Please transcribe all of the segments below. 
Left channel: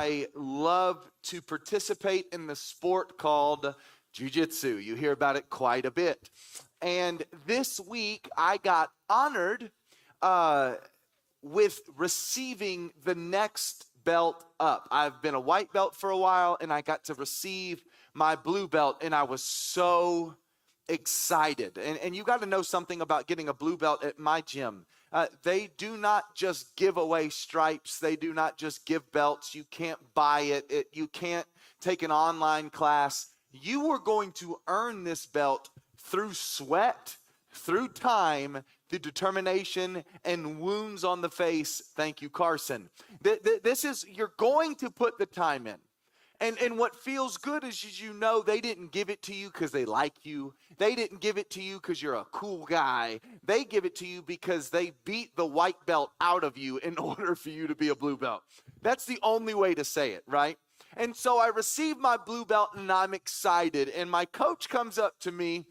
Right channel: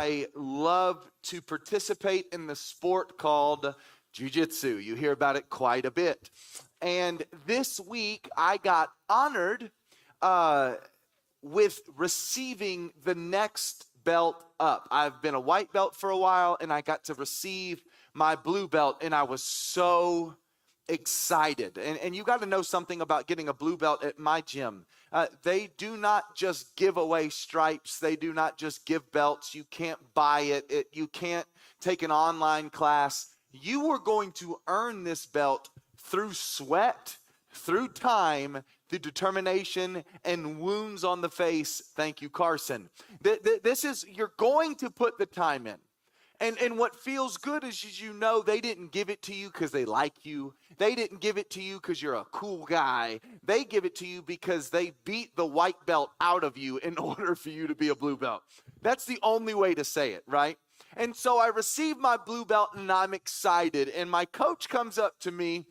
I love to participate in the sport called jiu-jitsu. You hear about it quite a bit. And this week I got honored uh, with receiving the next belt up. I've been a white belt for a while, and I got to receive my blue belt, and I was so excited. And you got to know something about getting a blue belt at my gym. They do not just give away stripes. They do not just give belts. You can't buy it. You can't take an online class. You are going to earn this belt through sweat, through time, through determination, and wounds on the face. Thank you, Carson. This is, you're going to put the time in. And what feels good is you know they didn't give it to you because they like you. They didn't give it to you because you're a cool guy. They give it to you because they beat the white belt out of you in order for you to be a blue belt. That's the only way to say it, right? And so I received my blue belt and I'm excited. And my coach comes up to me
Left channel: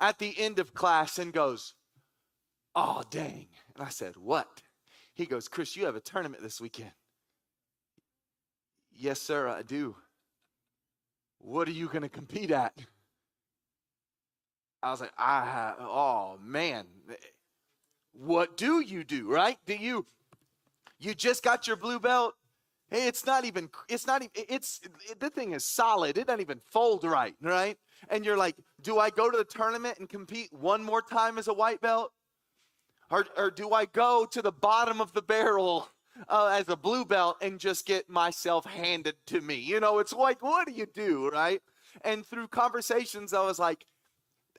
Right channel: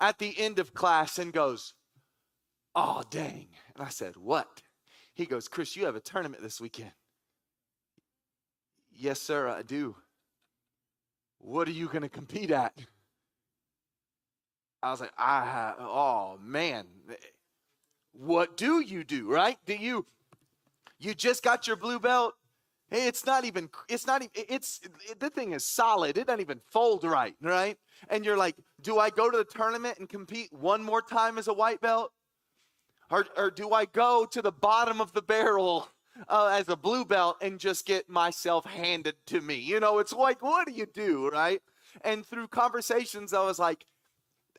at the end of class and goes, "Oh, dang." And I said, "What?" He goes, "Chris, you have a tournament this weekend." "Yes, sir, I do." "What are you going to compete at?" I was like, oh man, what do you do, right? You just got your blue belt? Hey, the thing is solid. It doesn't even fold right, right? And you're like, do I go to the tournament and compete one more time as a white belt? Or do I go to the bottom of the barrel as a blue belt and just get myself handed to me? You know, it's like, what do you do, right? And through conversations, I was like,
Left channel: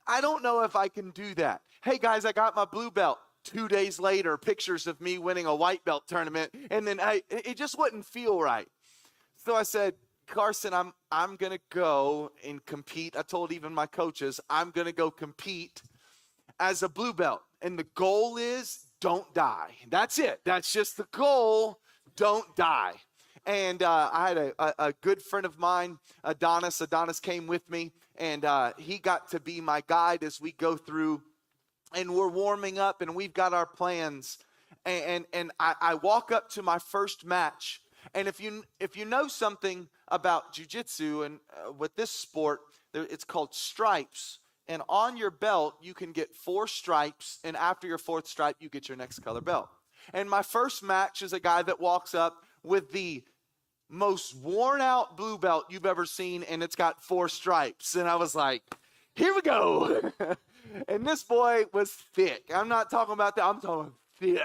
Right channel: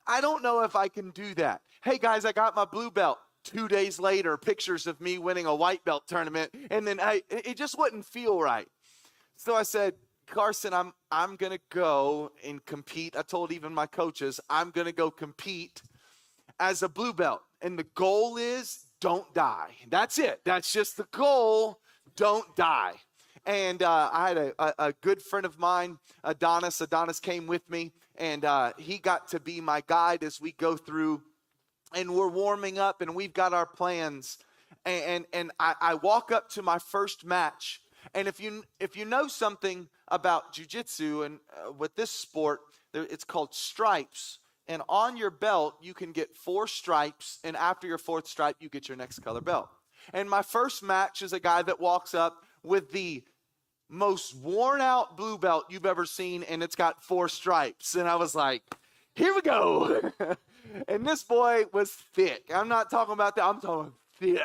I don't know if I can do that. Hey guys, I got my blue belt. 2 days later, pictures of me winning a white belt tournament, and then it just wouldn't feel right. So I said, "Carson, I'm gonna go and compete." I told even my coaches, I'm gonna go compete as a blue belt. And the goal is don't die. That's it. That's just the goal. Don't die. And I had a good friend of mine, Adonis. Adonis came with me, and he got to be my guide as we go through. And we're warming up, and we've got our plans. And I walk up to my first match. And if you know something about jiu-jitsu and with this sport, it's called stripes. And on your belt, you can get 4 stripes, and after your 4th stripe, you get your next color belt. And my first match is a guy that walks up with the most worn out blue belt you've ever seen, and it's got 4 stripes. And I was like, here we go. And this boy was thick. I'm not talking about that. I'm talking thick,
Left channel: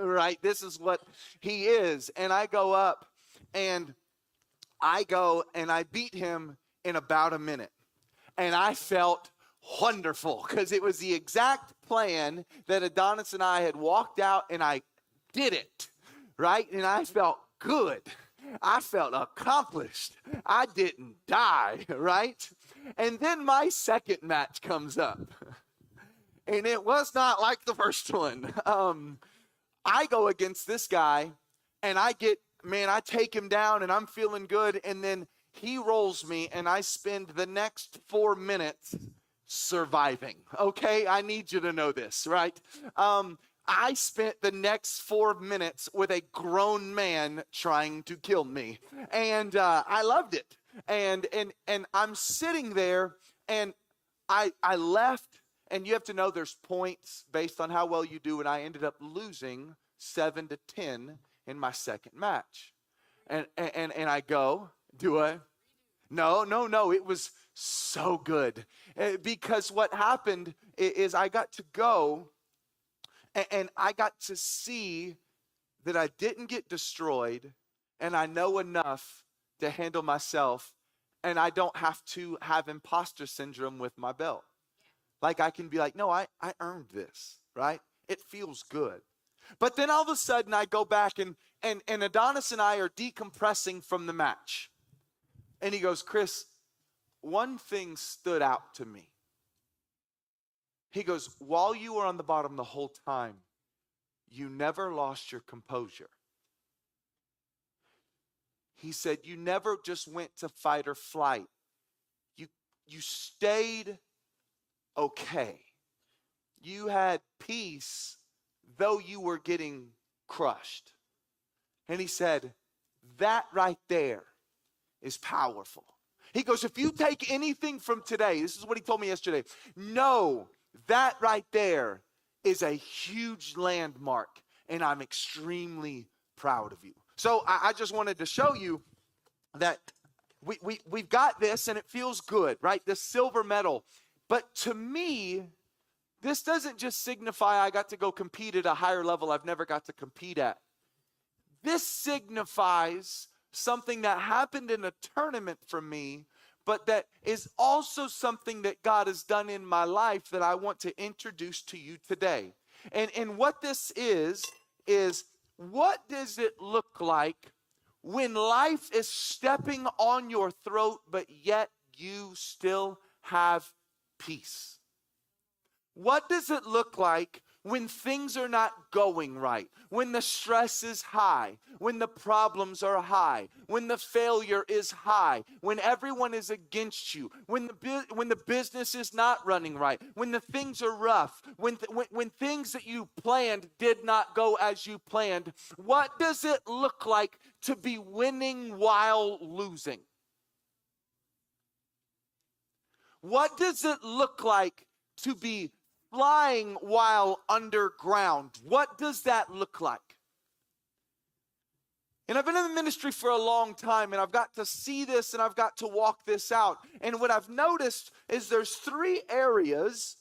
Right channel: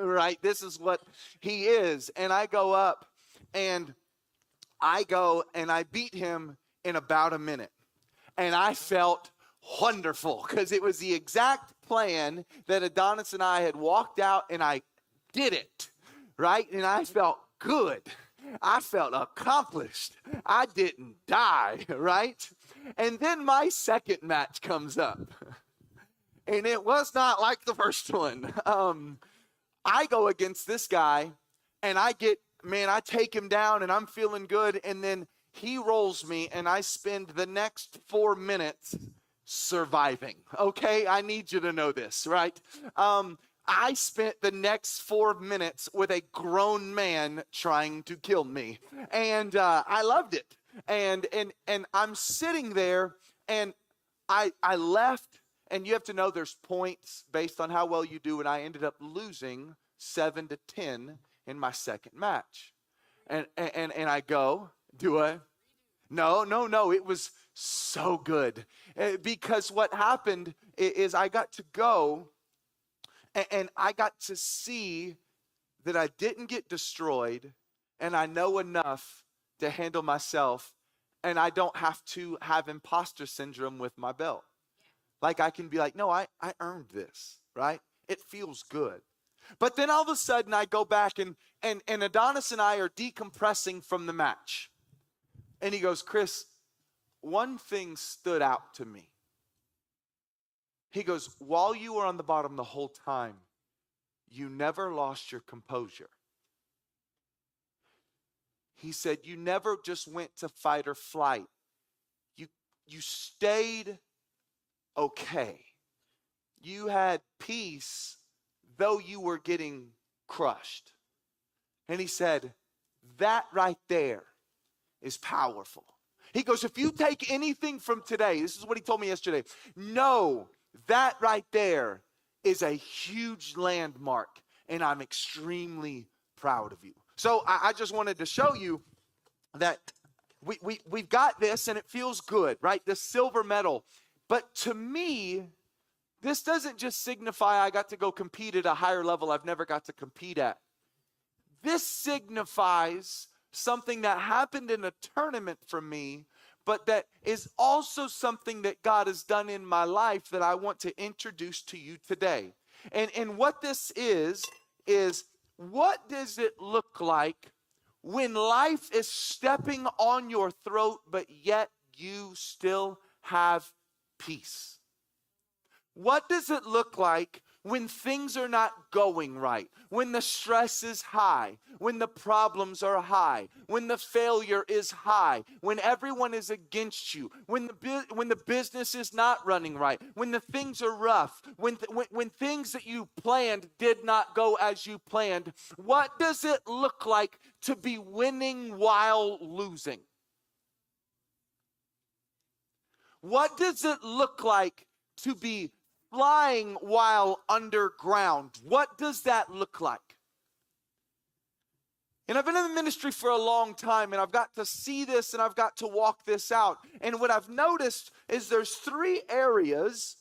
right? This is what he is. And I go up, and I beat him in about a minute. And I felt wonderful because it was the exact plan that Adonis and I had walked out, and I did it, right? And I felt good. I felt accomplished. I didn't die, right? And then my second match comes up, and it was not like the first one. I go against this guy, and I take him down, and I'm feeling good, and then he rolls me, and I spend the next 4 minutes surviving. Okay, I need you to know this, right? I spent the next 4 minutes with a grown man trying to kill me, and I loved it. And I'm sitting there, and I left, and you have to know there's points based on how well you do, and I ended up losing 7-10 in my second match, and I go, do I? No, it was so good. Because what happened is I got to go, and I got to see that I didn't get destroyed, and I know enough to handle myself, and I don't have to have imposter syndrome with my belt. Like I can be like, no, I earned this, right? It feels good. But then all of a sudden I go back, and Adonis and I are decompressing from the match. And he goes, "Chris, one thing stood out to me." He goes, "While you were on the bottom the whole time, you never lost your composure." He said, "You never just went to fight or flight. You stayed okay. You had peace, though you were getting crushed." And he said, that right there is powerful. He goes, if you take anything from today, this is what he told me yesterday, know that right there is a huge landmark, and I'm extremely proud of you. So I just wanted to show you that we've got this, and it feels good, right? This silver medal. But to me, this doesn't just signify I got to go compete at a higher level I've never got to compete at. This signifies something that happened in a tournament for me, but that is also something that God has done in my life that I want to introduce to you today. And what this is what does it look like when life is stepping on your throat, but yet you still have peace? What does it look like when things are not going right, when the stress is high, when the problems are high, when the failure is high, when everyone is against you, when the business is not running right, when the things are rough, when things that you planned did not go as you planned? What does it look like to be winning while losing? What does it look like to be flying while underground? What does that look like? And I've been in the ministry for a long time, and I've got to see this, and I've got to walk this out. And what I've noticed is there's 3 areas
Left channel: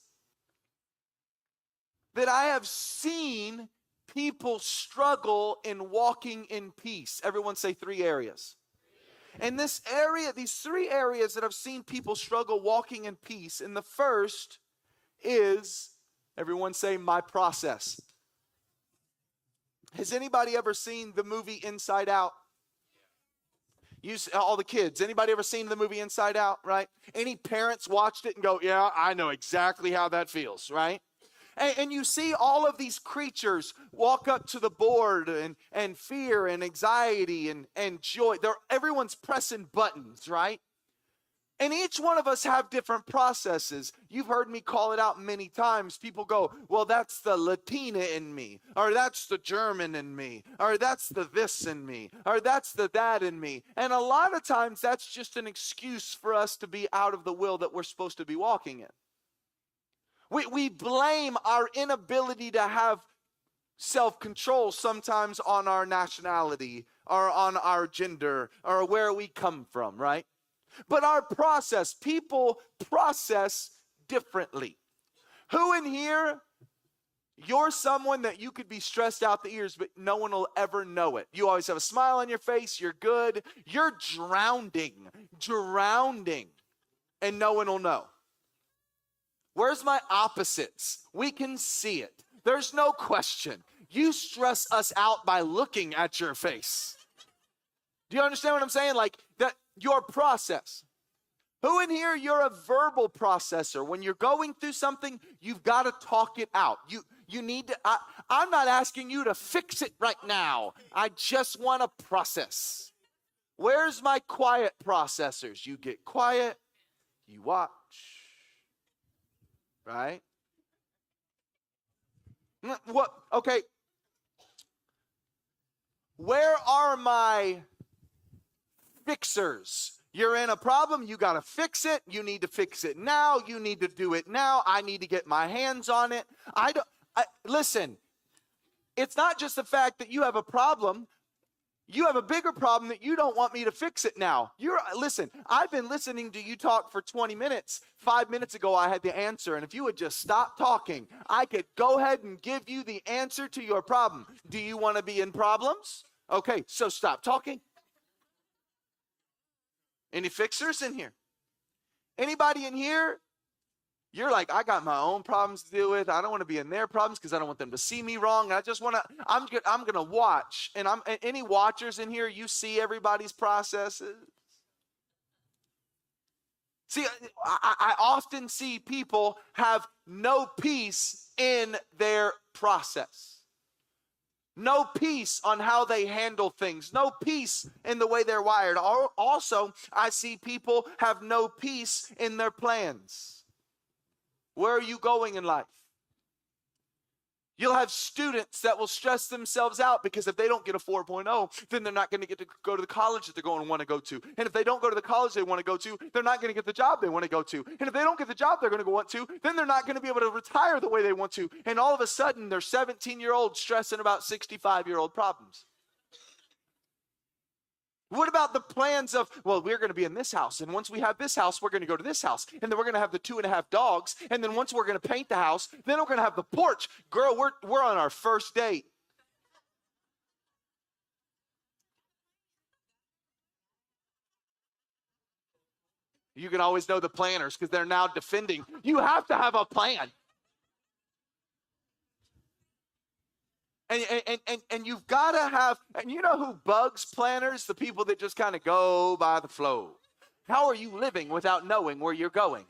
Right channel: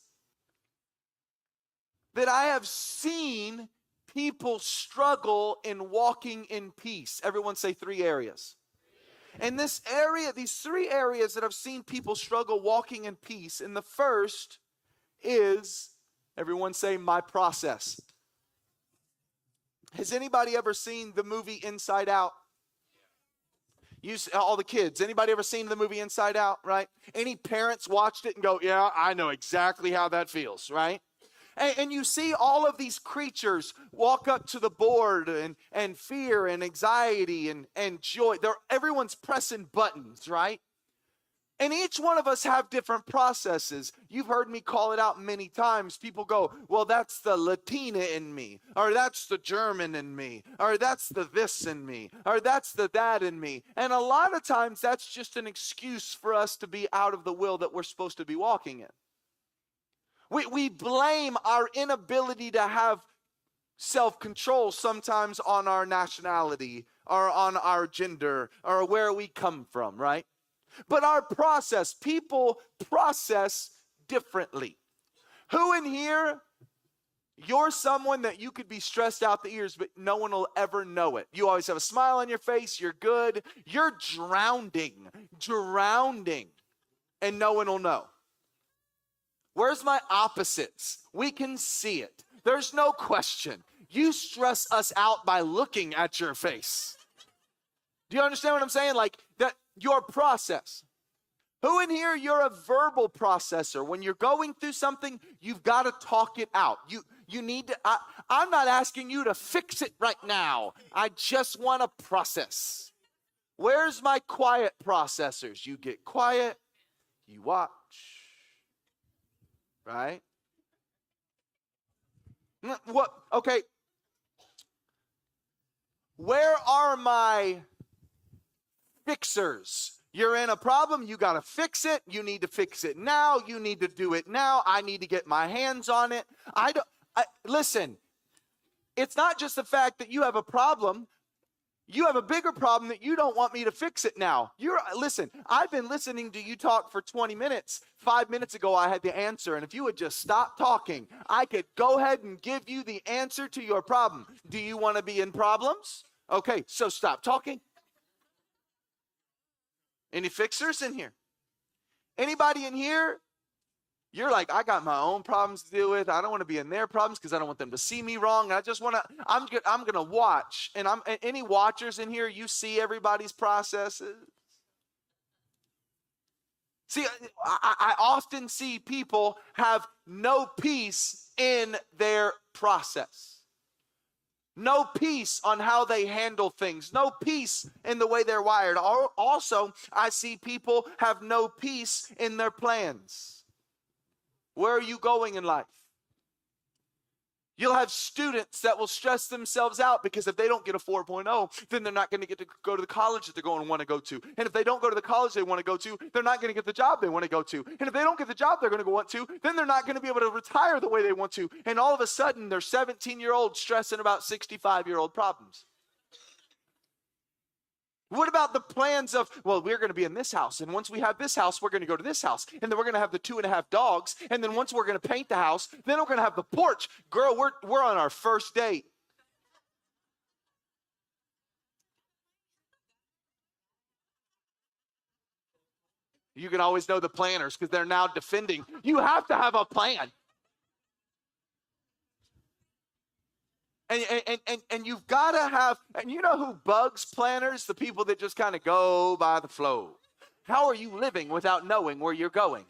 that I have seen people struggle in walking in peace. Everyone say 3 areas. And these 3 areas that I've seen people struggle walking in peace. And the first is, everyone say, my process. Has anybody ever seen the movie Inside Out? All the kids, anybody ever seen the movie Inside Out, right? Any parents watched it and go, yeah, I know exactly how that feels, right? And you see all of these creatures walk up to the board, and fear and anxiety and joy. Everyone's pressing buttons, right? And each one of us have different processes. You've heard me call it out many times. People go, well, that's the Latina in me, or that's the German in me, or that's the this in me, or that's the that in me. And a lot of times that's just an excuse for us to be out of the will that we're supposed to be walking in. We blame our inability to have self-control sometimes on our nationality, or on our gender, or where we come from, right? But our process, people process differently. Who in here, you're someone that you could be stressed out the ears, but no one will ever know it. You always have a smile on your face, you're good. You're drowning, and no one will know. Where's my opposites? We can see it. There's no question. You stress us out by looking at your face. Do you understand what I'm saying? Like that, your process. Who in here, you're a verbal processor? When you're going through something, you've got to talk it out. You need to, I'm not asking you to fix it right now. I just want to process. Where's my quiet processors? You get quiet, you watch, right? What? Okay. Where are my fixers? You're in a problem, you got to fix it. You need to fix it now. You need to do it now. I need to get my hands on it. Listen, it's not just the fact that you have a problem. You have a bigger problem that you don't want me to fix it now. Listen, I've been listening to you talk for 20 minutes. 5 minutes ago, I had the answer. And if you would just stop talking, I could go ahead and give you the answer to your problem. Do you want to be in problems? Okay, so stop talking. Any fixers in here? Anybody in here? You're like, I got my own problems to deal with. I don't want to be in their problems because I don't want them to see me wrong. I just want to, I'm going to watch. And any watchers in here, you see everybody's processes? See, I often see people have no peace in their process. No peace on how they handle things. No peace in the way they're wired. Also, I see people have no peace in their plans. Where are you going in life? You'll have students that will stress themselves out because if they don't get a 4.0, then they're not going to get to go to the college that they're going to want to go to. And if they don't go to the college they want to go to, they're not going to get the job they want to go to. And if they don't get the job they're going to want to, then they're not going to be able to retire the way they want to. And all of a sudden, they're 17-year-olds stressing about 65-year-old problems. What about the plans of, well, we're going to be in this house, and once we have this house, we're going to go to this house, and then we're going to have the 2.5 dogs, and then once we're going to paint the house, then we're going to have the porch. Girl, we're on our first date. You can always know the planners because they're now defending. You have to have a plan. And you've got to have, and you know who bugs planners? The people that just kind of go by the flow. How are you living without knowing where you're going?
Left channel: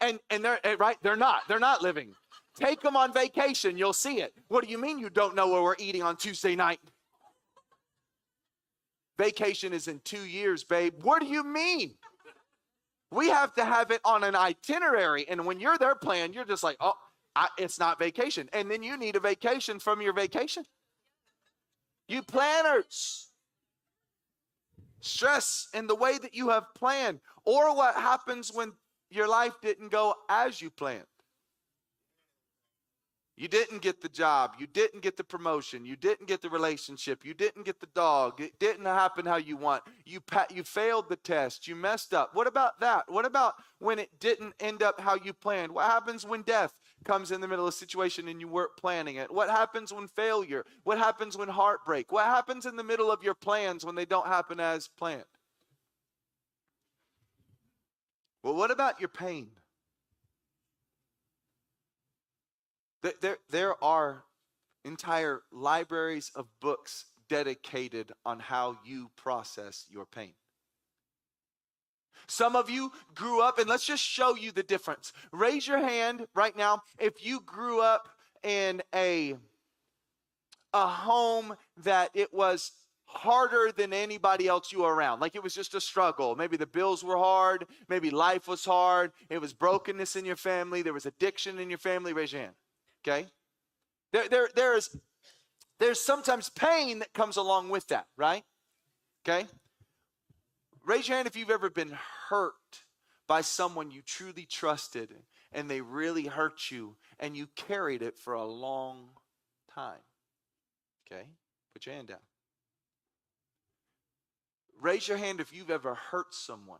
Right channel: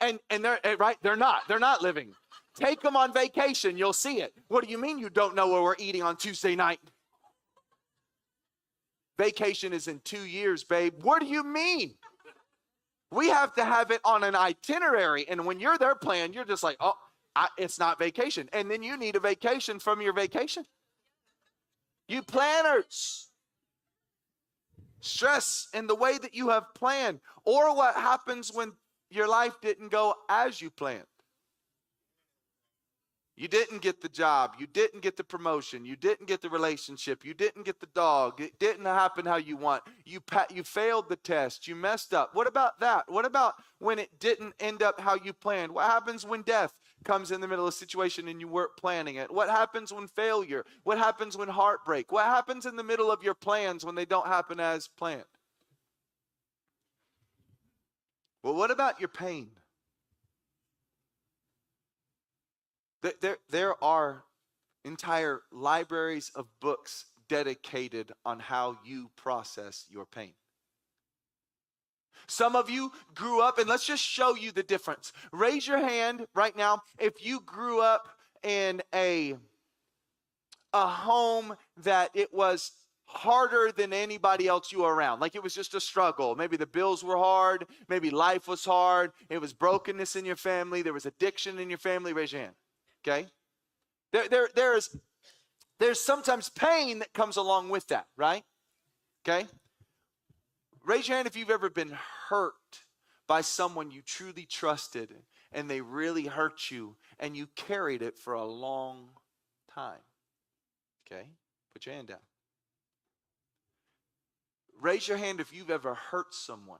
And they're right, they're not living. Take them on vacation, you'll see it. What do you mean you don't know where we're eating on Tuesday night? Vacation is in 2 years, babe. What do you mean? We have to have it on an itinerary, and when you're there planning, you're just like, oh, it's not vacation. And then you need a vacation from your vacation. You planners, stress in the way that you have planned, or what happens when your life didn't go as you planned. You didn't get the job. You didn't get the promotion. You didn't get the relationship. You didn't get the dog. It didn't happen how you want. You failed the test. You messed up. What about that? What about when it didn't end up how you planned? What happens when death comes in the middle of a situation and you weren't planning it? What happens when failure? What happens when heartbreak? What happens in the middle of your plans when they don't happen as planned? Well, what about your pain? There are entire libraries of books dedicated on how you process your pain. Some of you grew up, and let's just show you the difference. Raise your hand right now if you grew up in a home that it was harder than anybody else you were around. Like it was just a struggle. Maybe the bills were hard. Maybe life was hard. It was brokenness in your family. There was addiction in your family. Raise your hand. Okay? There's sometimes pain that comes along with that, right? Okay? Raise your hand if you've ever been hurt by someone you truly trusted and they really hurt you and you carried it for a long time. Okay? Put your hand down. Raise your hand if you've ever hurt someone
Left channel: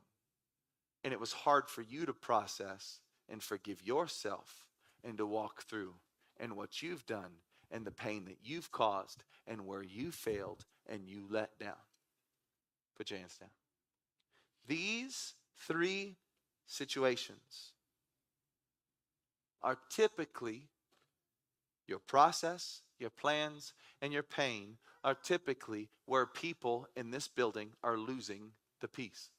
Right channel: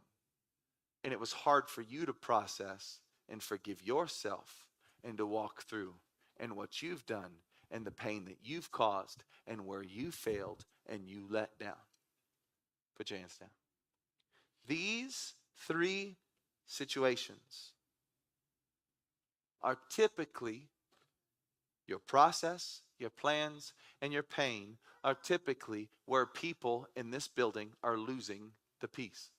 and it was hard for you to process and forgive yourself and to walk through and what you've done and the pain that you've caused and where you failed and you let down. Put your hands down. These 3 situations are typically your process, your plans, and your pain are typically where people in this building are losing the peace.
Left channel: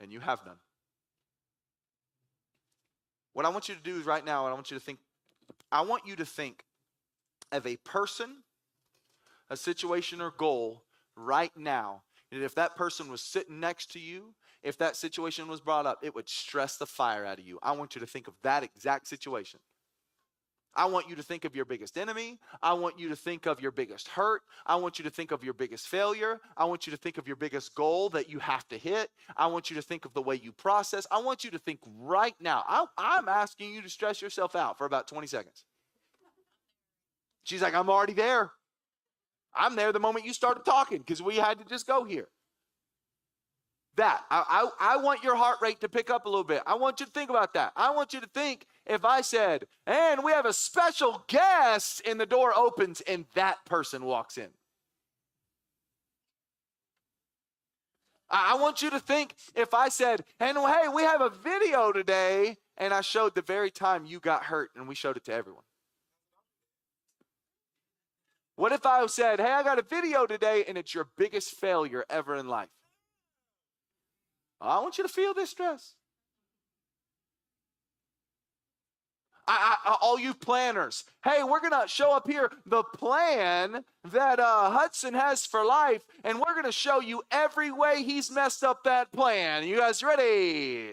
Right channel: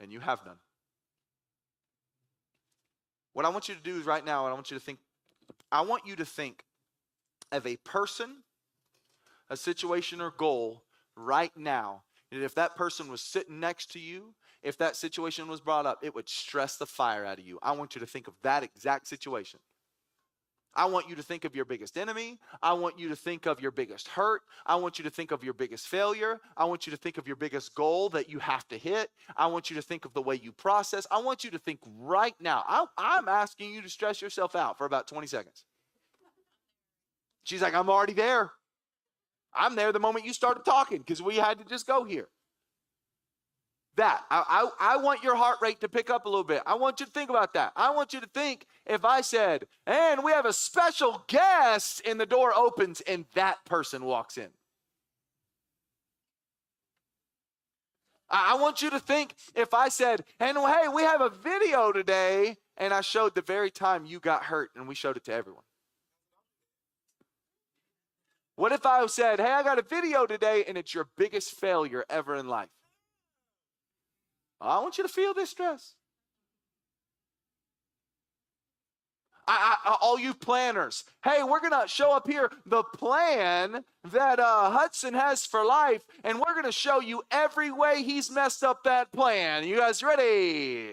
And you have none. What I want you to do is right now, I want you to think of a person, a situation, or goal right now. And if that person was sitting next to you, if that situation was brought up, it would stress the fire out of you. I want you to think of that exact situation. I want you to think of your biggest enemy. I want you to think of your biggest hurt. I want you to think of your biggest failure. I want you to think of your biggest goal that you have to hit. I want you to think of the way you process. I want you to think right now. I'm asking you to stress yourself out for about 20 seconds. She's like, I'm already there. I'm there the moment you started talking because we had to just go here. That. I want your heart rate to pick up a little bit. I want you to think about that. I want you to think if I said, and we have a special guest, and the door opens and that person walks in. I want you to think if I said, and hey, we have a video today, and I showed the very time you got hurt and we showed it to everyone. What if I said, hey, I got a video today and it's your biggest failure ever in life? I want you to feel this stress. All you planners, hey, we're going to show up here the plan that Hudson has for life, and we're going to show you every way he's messed up that plan. You guys ready?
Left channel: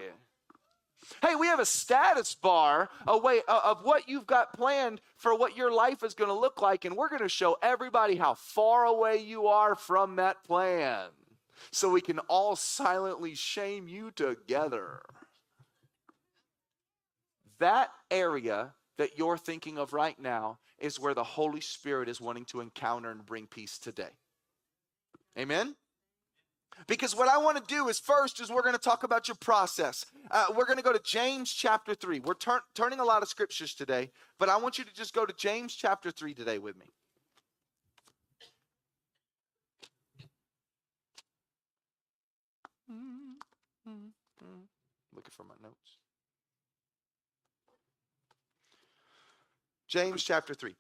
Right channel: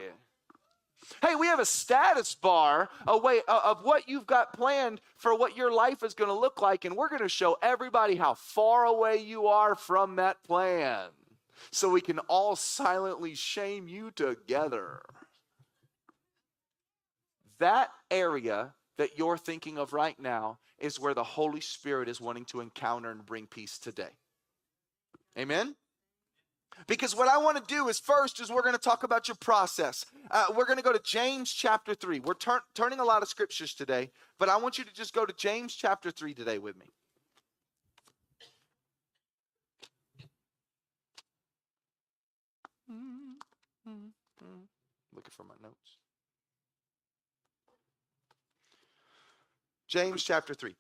Hey, we have a status bar, a way of what you've got planned for what your life is going to look like, and we're going to show everybody how far away you are from that plan, so we can all silently shame you together. That area that you're thinking of right now is where the Holy Spirit is wanting to encounter and bring peace today. Amen? Because what I want to do is first is we're going to talk about your process. We're going to go to James chapter 3. We're turning a lot of scriptures today, but I want you to just go to James chapter 3 today with me. Looking for my notes. James chapter 3.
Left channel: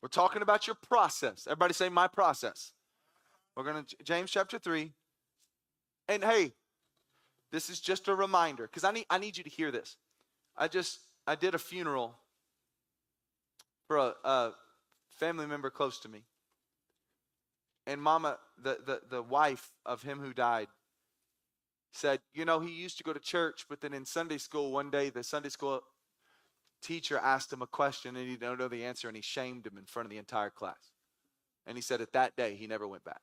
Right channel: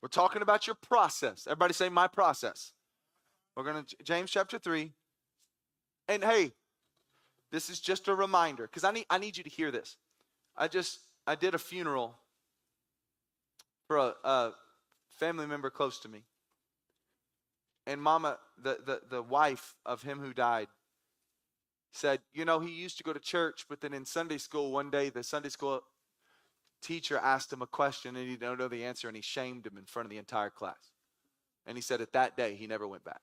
We're talking about your process. Everybody say my process. We're going to James chapter 3. And hey, this is just a reminder, because I need you to hear this. I did a funeral for a family member close to me. And Mama, the wife of him who died, said, you know, he used to go to church, but then in Sunday school one day, the Sunday school teacher asked him a question and he didn't know the answer, and he shamed him in front of the entire class. And he said at that day, he never went back.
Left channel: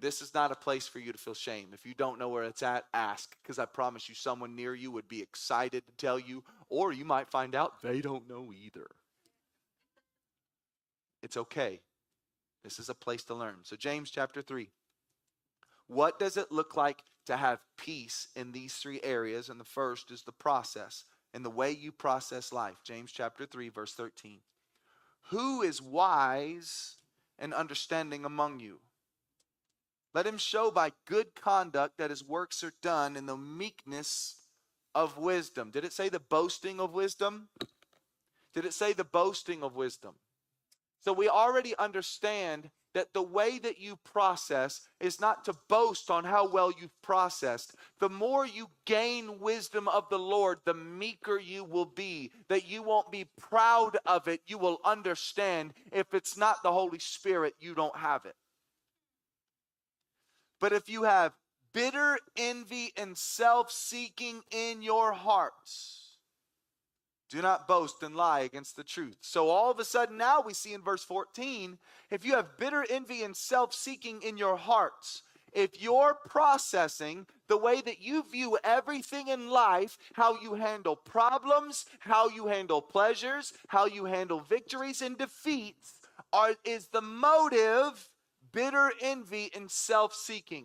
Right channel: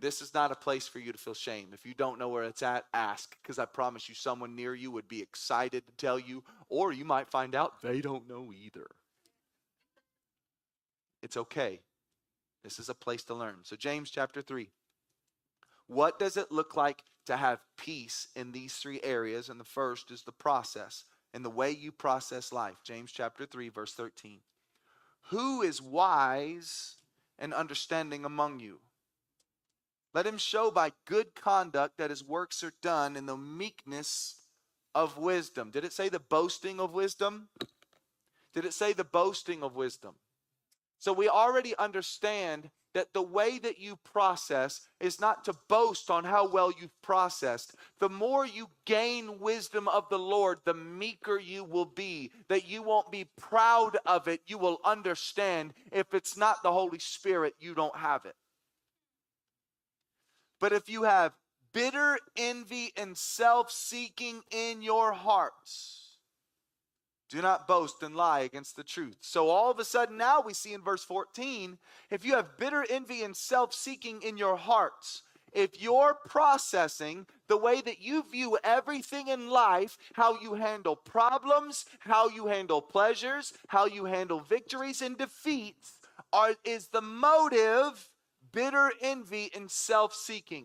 This is not a place for you to feel shame. If you don't know where it's at, ask, because I promise you someone near you would be excited to tell you, or you might find out they don't know either. It's okay. This is a place to learn. So James chapter 3. What does it look like to have peace in these three areas? And the first is the process and the way you process life. James chapter 3, verse 13. Who is wise and understanding among you? Let him show by good conduct that his works are done in the meekness of wisdom. Did it say the boasting of wisdom? Did it say the boasting of wisdom? So we already understand that the way that you process is not to boast on how well you've processed. The more you gain wisdom of the Lord, the meeker you will be. That you won't be proud of it. You will understand if it's not the Holy Spirit, you don't have it. But if you have bitter envy and self-seeking in your hearts, do not boast and lie against the truth. So all of a sudden now we see in verse 14, if you have bitter envy and self-seeking in your hearts, if you're processing the way that you view everything in life, how you handle problems, how you handle pleasures, how you handle victories and defeats, is the motive bitter envy and self-seeking?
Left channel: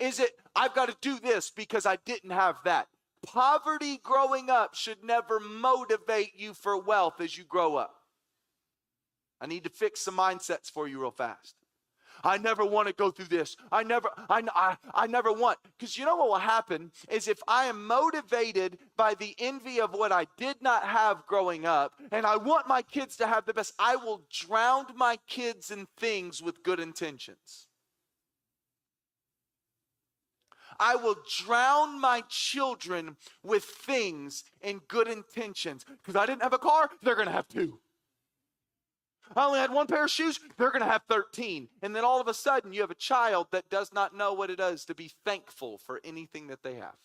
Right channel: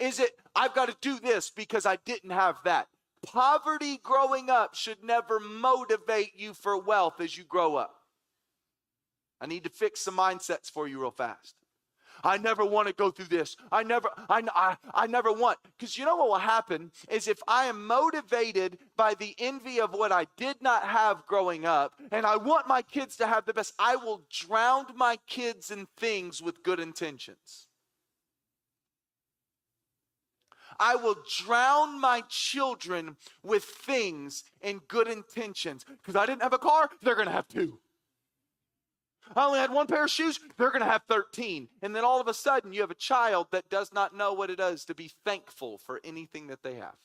Is it, I've got to do this because I didn't have that? Poverty growing up should never motivate you for wealth as you grow up. I need to fix some mindsets for you real fast. I never want to go through this. I never want. Because you know what will happen is if I am motivated by the envy of what I did not have growing up, and I want my kids to have the best, I will drown my kids in things with good intentions. I will drown my children with things in good intentions. Because I didn't have a car, they're going to have two. I only had one pair of shoes, they're going to have 13. And then all of a sudden, you have a child that does not know what it is to be thankful for anything that they have.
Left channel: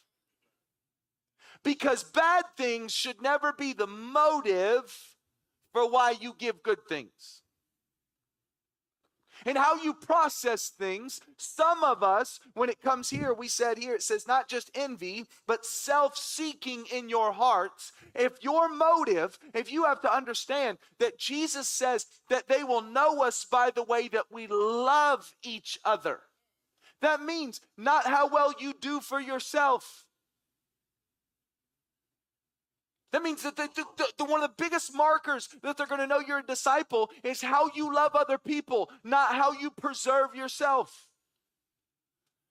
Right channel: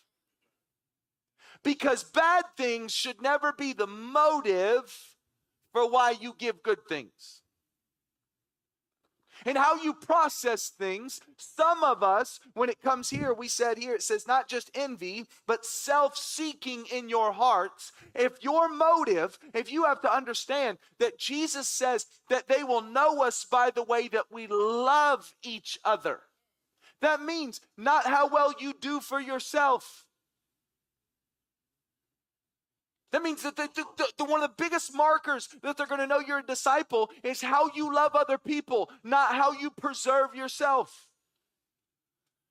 Because bad things should never be the motive for why you give good things. And how you process things, some of us, when it comes here, we said here, it says not just envy, but self-seeking in your hearts. If your motive, if you have to understand that Jesus says that they will know us by the way that we love each other. That means not how well you do for yourself. That means that one of the biggest markers that they're going to know you're a disciple is how you love other people, not how you preserve yourself.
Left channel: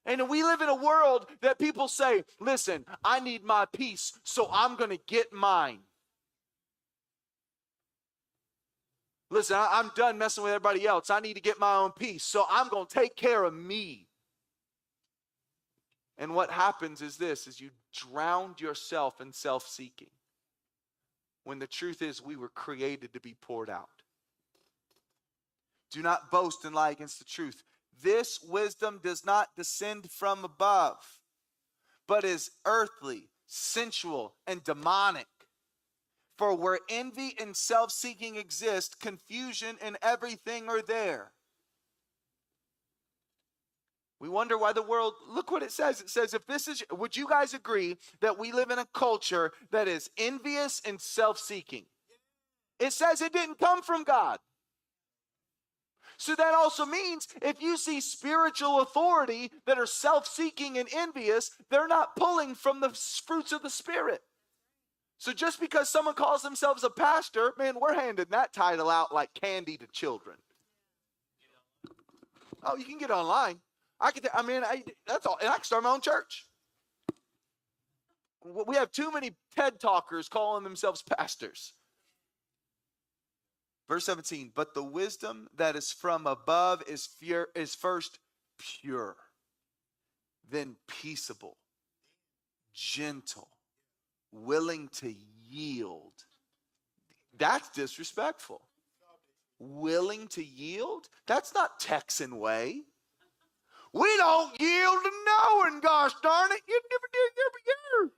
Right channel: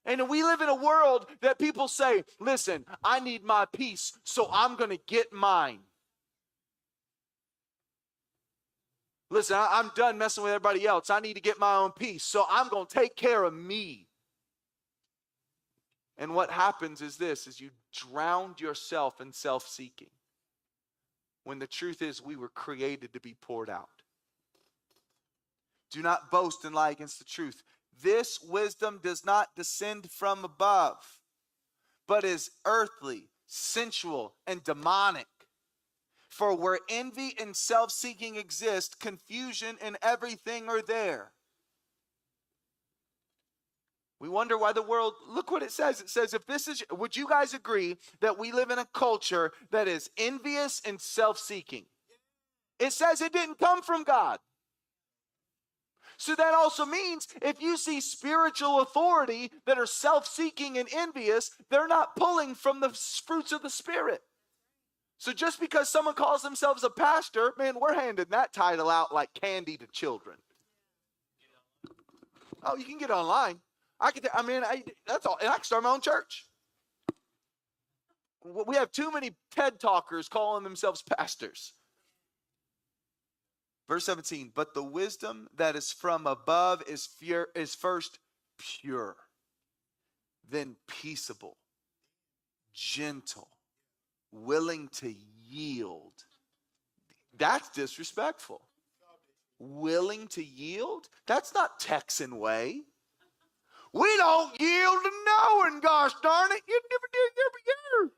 And we live in a world that people say, listen, I need my peace, so I'm going to get mine. Listen, I'm done messing with everybody else. I need to get my own peace, so I'm going to take care of me. And what happens is this, is you drown yourself in self-seeking. when the truth is we were created to be poured out. Do not boast and lie against the truth. This wisdom does not descend from above, but is earthly, sensual, and demonic. For where envy and self-seeking exist, confusion and everything are there. We wonder why the world, look what it says. It says, if this is, would you guys agree that we live in a culture that is envious and self-seeking? It says it didn't come from God. So that also means if you see spiritual authority that are self-seeking and envious, they're not pulling from the fruits of the Spirit. So just because someone calls themselves a pastor, man, we're handing that title out like candy to children. Oh, you can get online. That's all. And I can start my own church. We have too many TED talkers calling themselves pastors. Verse 17, but the wisdom that is from above is first pure, then peaceable, gentle, willing to yield. That's disrespectful. Willing to yield? That's not Texan way. We don't yield to no one, gosh darn it. You never did.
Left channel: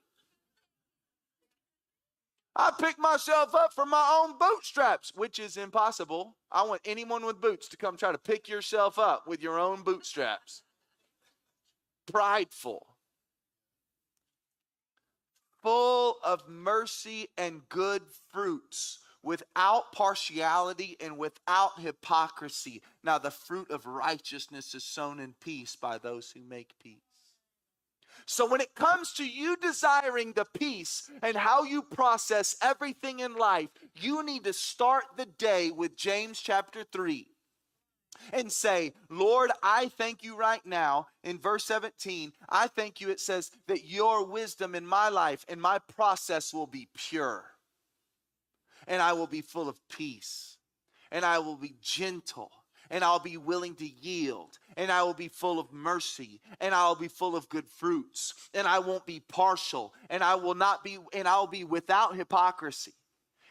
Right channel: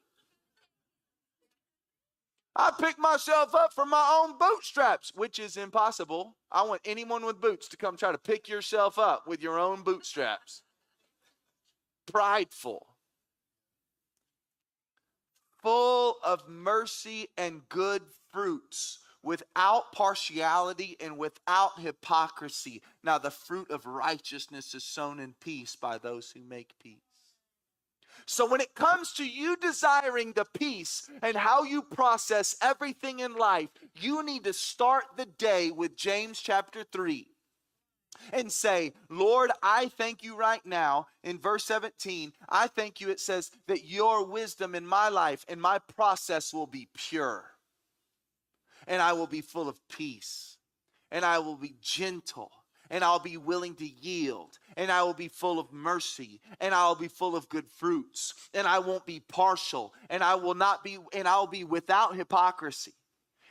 I pick myself up from my own bootstraps, which is impossible. I want anyone with boots to come try to pick yourself up with your own bootstraps. Prideful. Full of mercy and good fruits, without partiality and without hypocrisy. Now the fruit of righteousness is sown in peace by those who make peace. So when it comes to you desiring the peace and how you process everything in life, you need to start the day with James chapter 3 and say, Lord, I thank you right now. In verse 17, I thank you, it says, that your wisdom in my life and my process will be pure. And I will be full of peace. And I will be gentle. And I'll be willing to yield, and I will be full of mercy, and I'll be full of good fruits, and I won't be partial, and I'll be without hypocrisy.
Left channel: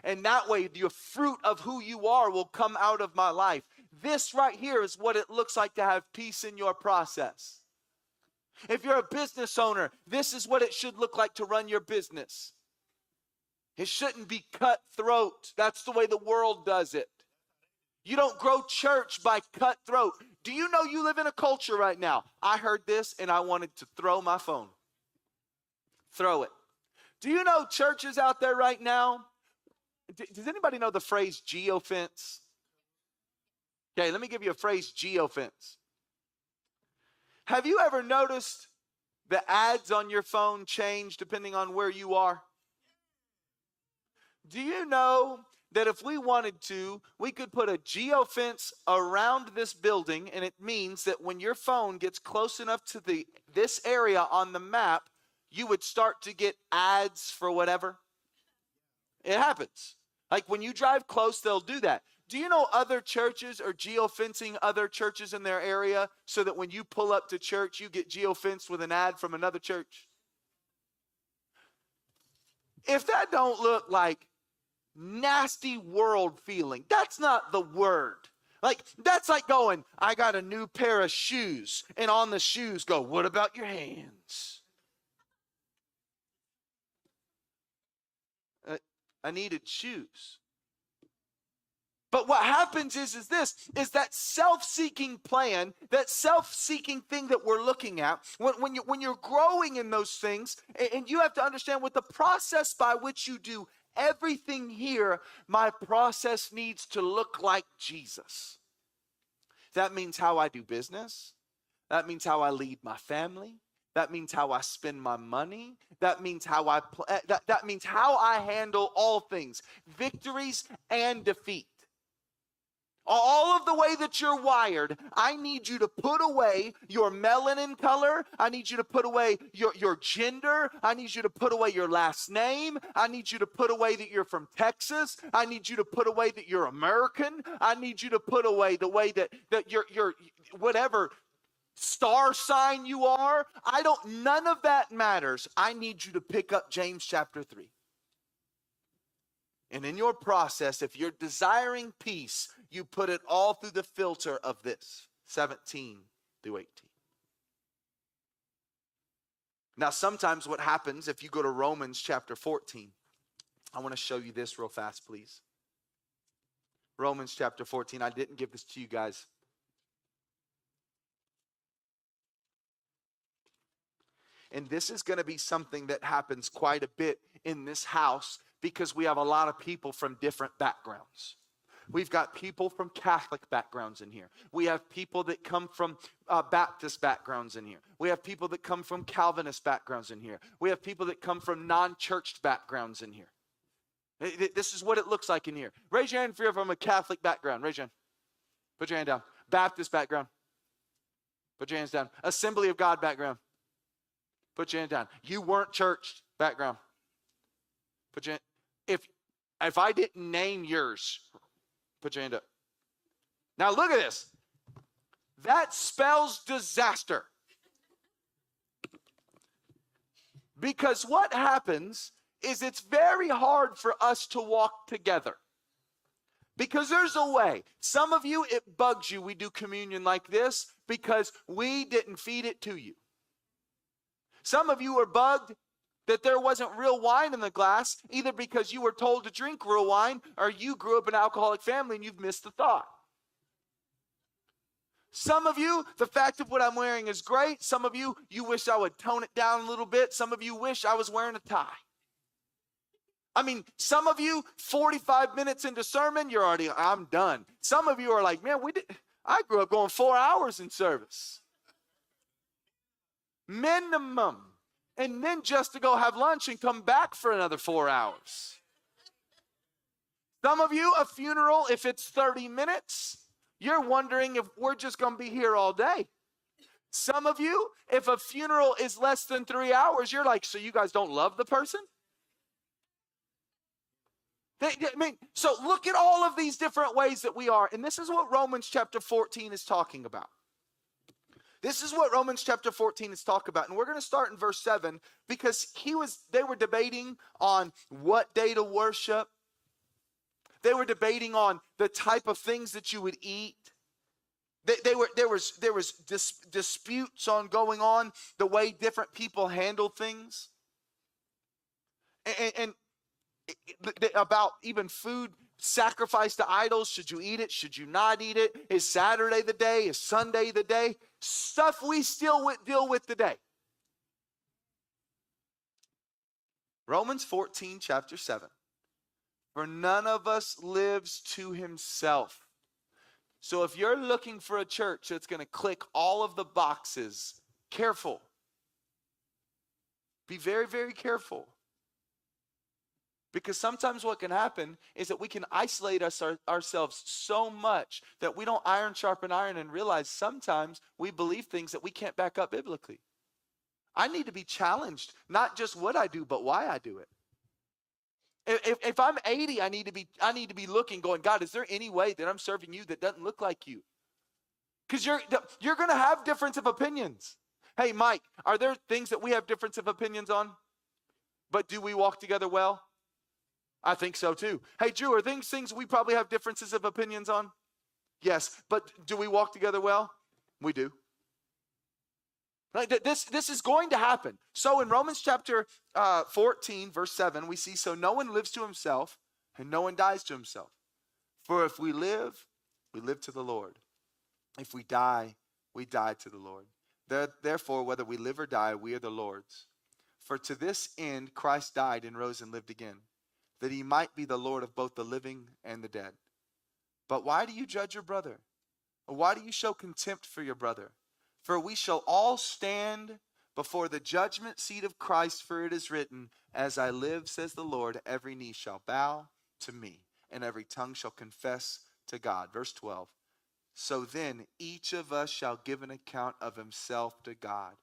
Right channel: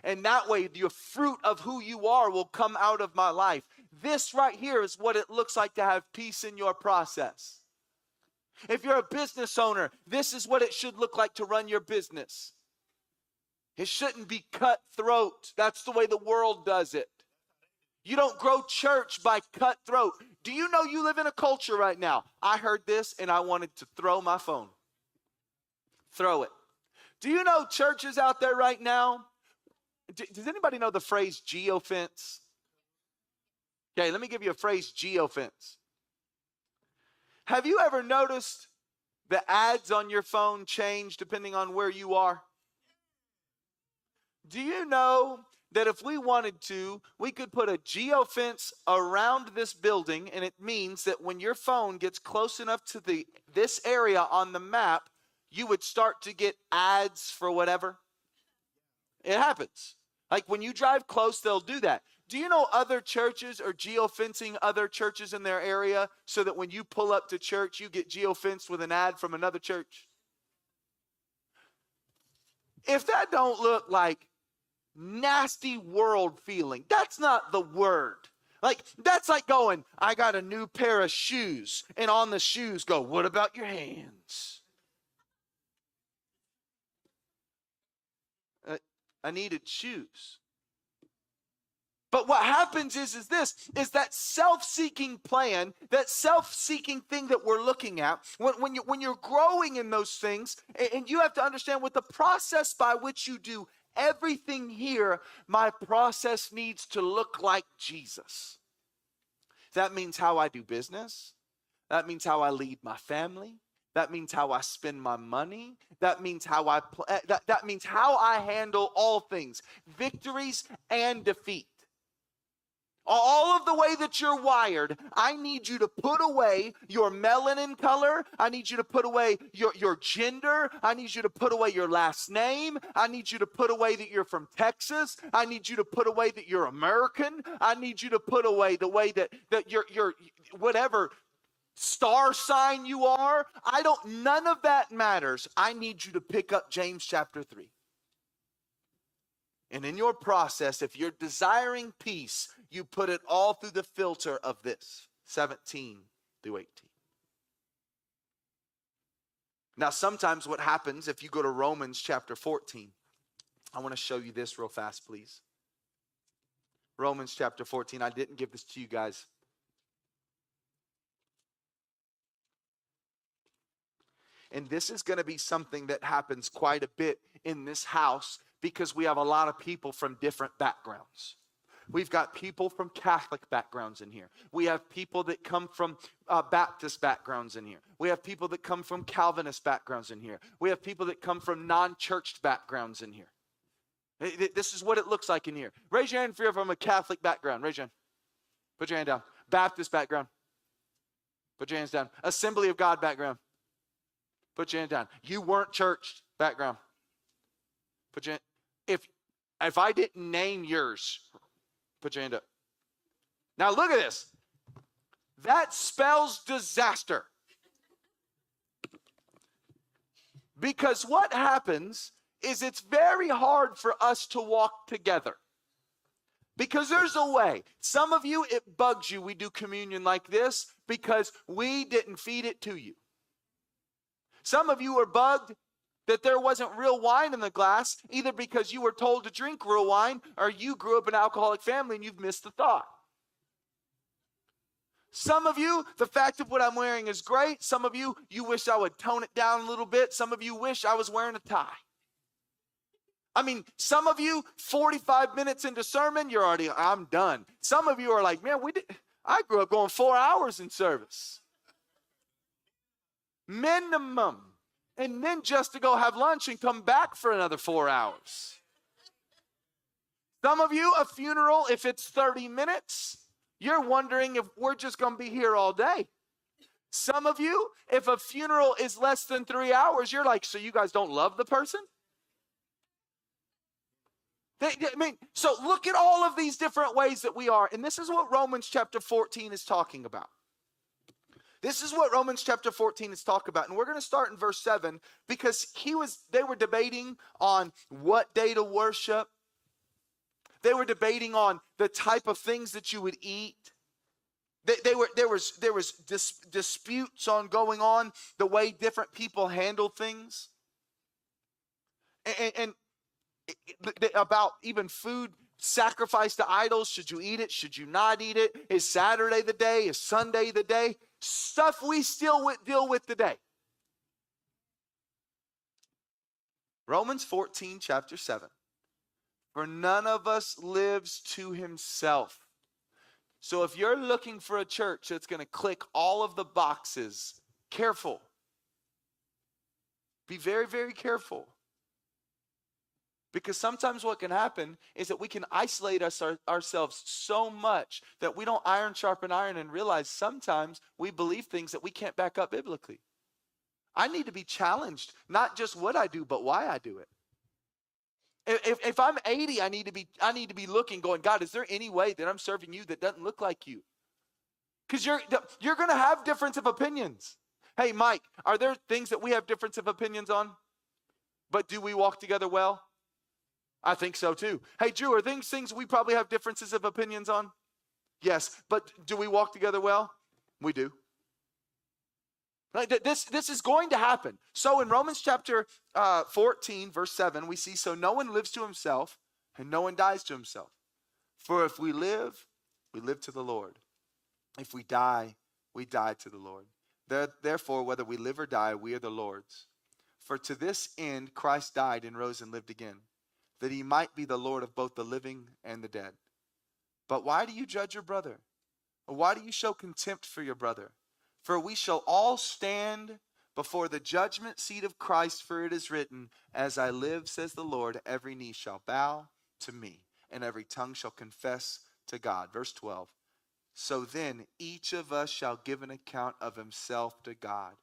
And that way, the fruit of who you are will come out of my life. This right here is what it looks like to have peace in your process. If you're a business owner, this is what it should look like to run your business. It shouldn't be cutthroat. That's the way the world does it. You don't grow church by cutthroat. Do you know you live in a culture right now? I heard this and I wanted to throw my phone. Throw it. Do you know churches out there right now? Does anybody know the phrase geofence? Okay, let me give you a phrase, geofence. Have you ever noticed the ads on your phone change depending on where you are? Do you know that if we wanted to, we could put a geofence around this building, and it means that when your phone gets close enough to this area on the map, you would start to get ads for whatever? It happens. Like when you drive close, they'll do that. Do you know other churches are geofencing other churches in their area so that when you pull up to church, you get geofenced with an ad from another church? If that don't look like nasty world feeling, that's not the word. Like, that's like going, I got a new pair of shoes, and on the shoes go, what about your hands? I needed shoes. But what happens is that self-seeking plan, that self-seeking thing that we're looking at, when you're growing in those things, and you have to understand with the process by which you do everything here, my process needs to look like Jesus. That means how I do business. That means how I lead my family. That means how I spend my money. That means how that means how I handle all things, victories and defeat. All of the way that you're wired, I need you to put away your melanin color. I need you to put away your gender. I need you to put away your last name. I need you to put away that you're from Texas. I need you to put away that you're American. I need you to put away the way that you're whatever star sign you are. None of that matters. I need you to pick up James chapter 3. And in your process, if you're desiring peace, you put it all through the filter of this, 17 through 18. Now, sometimes what happens if you go to Romans chapter 14, I want to show you this real fast, please. Romans chapter 14. I didn't give this to you guys. And this is going to be something that happens quite a bit in this house because we have a lot of people from different backgrounds. We've got people from Catholic backgrounds in here. We have people that come from Baptist backgrounds in here. We have people that come from Calvinist backgrounds in here. We have people that come from non-churched backgrounds in here. This is what it looks like in here. Raise your hand if you're from a Catholic background. Raise your hand. Put your hand down. Baptist background. Put your hands down. Assembly of God background. Put your hand down. You weren't churched background. Put your hand. If I didn't name yours, put your hand up. Now look at this. That spells disaster. Because what happens is it's very hard for us to walk together. Because there's a way. Some of you, it bugs you we do communion like this because we didn't feed it to you. Some of you are bugged that there wasn't real wine in the glass, either because you were told to drink real wine or you grew up in an alcoholic family and you've missed the thought. Some of you, the fact of what I'm wearing is great. Some of you, you wish I would tone it down a little bit. Some of you wish I was wearing a tie. I mean, some of you, 45 minutes into sermon, you're already, I'm done. Some of you are like, man, I grew up going 4 hours in service. Minimum. And then just to go have lunch and come back for another 4 hours. Some of you, a funeral, if it's 30 minutes, you're wondering if we're just going to be here all day. Some of you, if a funeral is less than 3 hours, you're like, so you guys don't love the person? So look at all of these different ways that we are. And this is what Romans chapter 14 is talking about. This is what Romans chapter 14 is talking about. And we're going to start in verse 7 because they were debating on what day to worship. They were debating on the type of things that you would eat. There was disputes going on, the way different people handle things. And about even food sacrificed to idols. Should you eat it? Should you not eat it? Is Saturday the day? Is Sunday the day? Stuff we still deal with today. Romans 14, chapter 7. For none of us lives to himself. So if you're looking for a church that's going to click all of the boxes, careful. Be very, very careful. Because sometimes what can happen is that we can isolate ourselves so much that we don't iron sharpen iron and realize sometimes we believe things that we can't back up biblically. I need to be challenged, not just what I do, but why I do it. If I'm 80, I need to be looking, going, God, is there any way that I'm serving you that doesn't look like you? Because you're going to have difference of opinions. Hey, Mike, are there things that we have difference of opinions on? But do we walk together well? I think so too. Hey, Drew, are things we probably have differences of opinions on? Yes, but do we walk together well? We do. This is going to happen. So in Romans chapter 14, verse 7, we see, so no one lives to himself and no one dies to himself. For if we live to the Lord. If we die to the Lord. Therefore, whether we live or die, we are the Lord's. For to this end Christ died and rose and lived again, that he might be the Lord of both the living and the dead. But why do you judge your brother? Or why do you show contempt for your brother? For we shall all stand before the judgment seat of Christ, for it is written, as I live, says the Lord, every knee shall bow to me, and every tongue shall confess to God. Verse 12. So then each of us shall give an account of himself to God.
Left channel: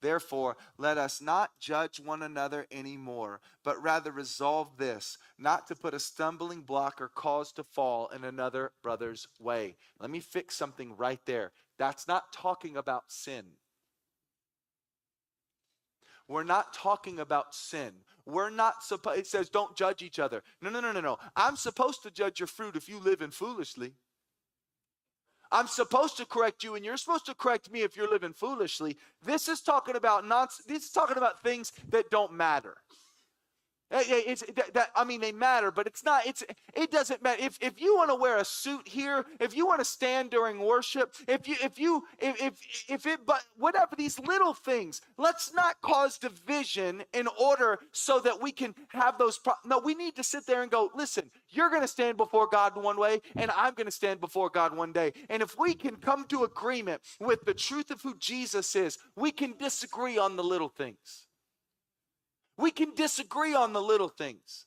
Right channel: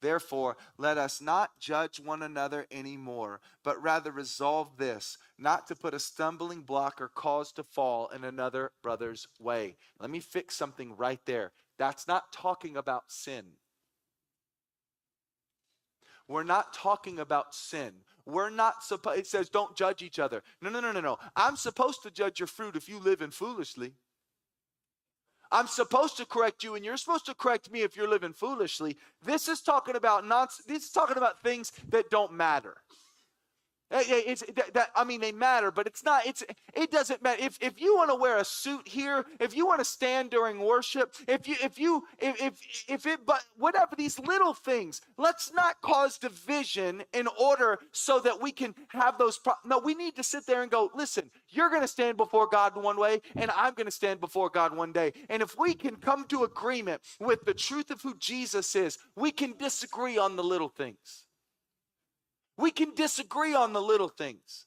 Therefore, let us not judge one another anymore, but rather resolve this, not to put a stumbling block or cause to fall in another brother's way. Let me fix something right there. That's not talking about sin. We're not talking about sin. we're not supposed, it says don't judge each other. No. I'm supposed to judge your fruit if you live in foolishly. I'm supposed to correct you, and you're supposed to correct me if you're living foolishly. This is talking about this is talking about things that don't matter. They matter, but it's not. It doesn't matter if you want to wear a suit here, if you want to stand during worship, but whatever these little things. Let's not cause division in order so that we can have those. No, we need to sit there and go. Listen, you're going to stand before God one way, and I'm going to stand before God one day. And if we can come to agreement with the truth of who Jesus is, we can disagree on the little things. We can disagree on the little things.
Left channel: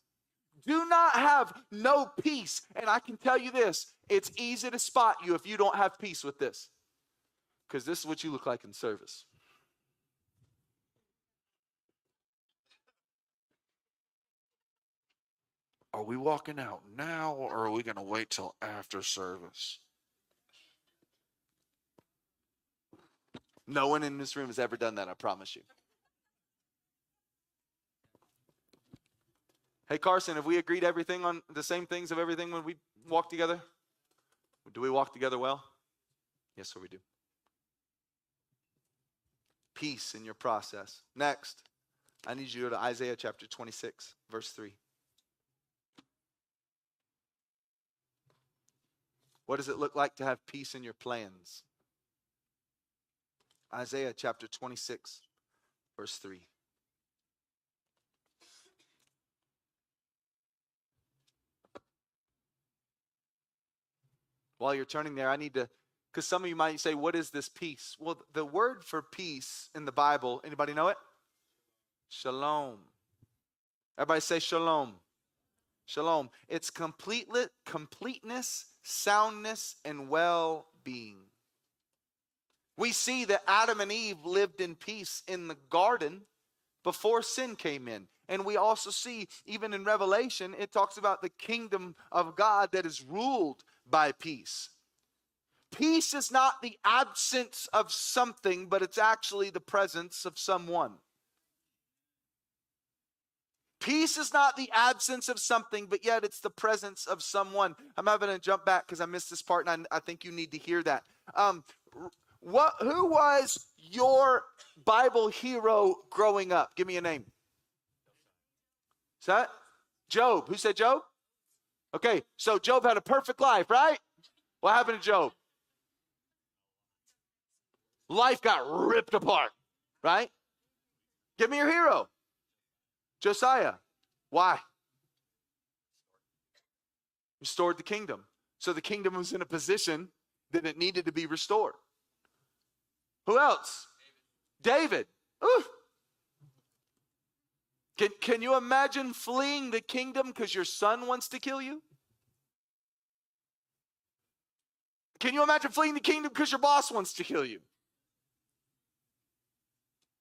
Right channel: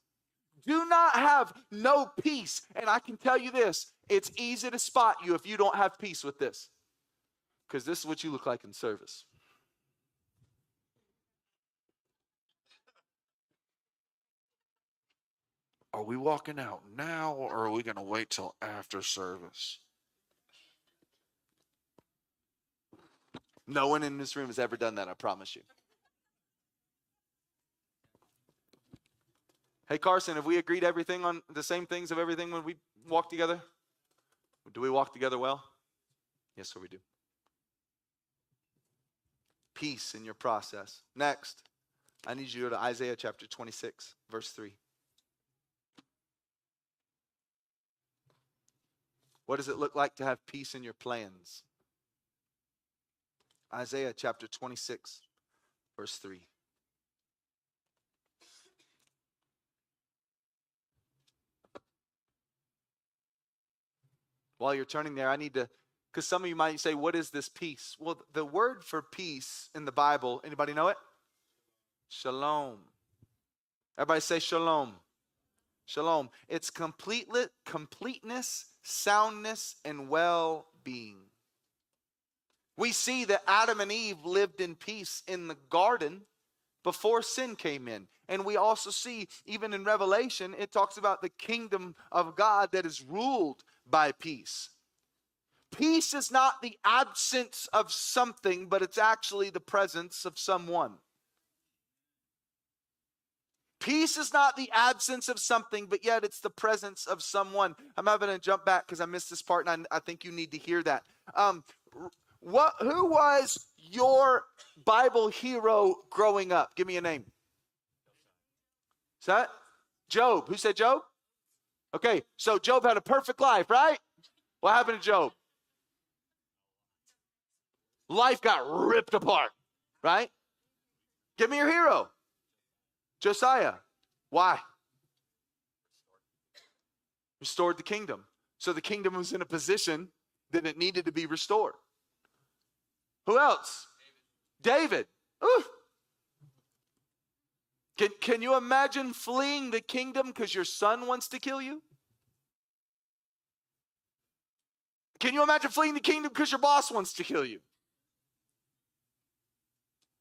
Do not have no peace. And I can tell you this, it's easy to spot you if you don't have peace with this. Because this is what you look like in service. Are we walking out now, or are we going to wait till after service? No one in this room has ever done that, I promise you. Hey, Carson, have we agreed everything on the same things of everything when we walk together? Do we walk together well? Yes, sir, we do. Peace in your process. Next, I need you to go to Isaiah chapter 26, verse 3. What does it look like to have peace in your plans? Isaiah chapter 26, verse 3. While you're turning there, I need to, because some of you might say, what is this peace? Well, the word for peace in the Bible, anybody know it? Shalom. Everybody say shalom. Shalom. It's completeness, soundness, and well-being. We see that Adam and Eve lived in peace in the garden before sin came in. And we also see, even in Revelation, it talks about the kingdom of God that is ruled by peace. Peace is not the absence of something, but it's actually the presence of someone. Peace is not the absence of something, but yet it's the presence of someone. I'm having to jump back because I missed this part, and I think you need to hear that. Who was your Bible hero growing up? Give me a name. Is that Job? Who said Job? Okay, so Job had a perfect life, right? What happened to Job? Life got ripped apart, right? Give me your hero. Josiah. Why? Restored the kingdom. So the kingdom was in a position that it needed to be restored. Who else? David. Ooh. Can you imagine fleeing the kingdom because your son wants to kill you? Can you imagine fleeing the kingdom because your boss wants to kill you?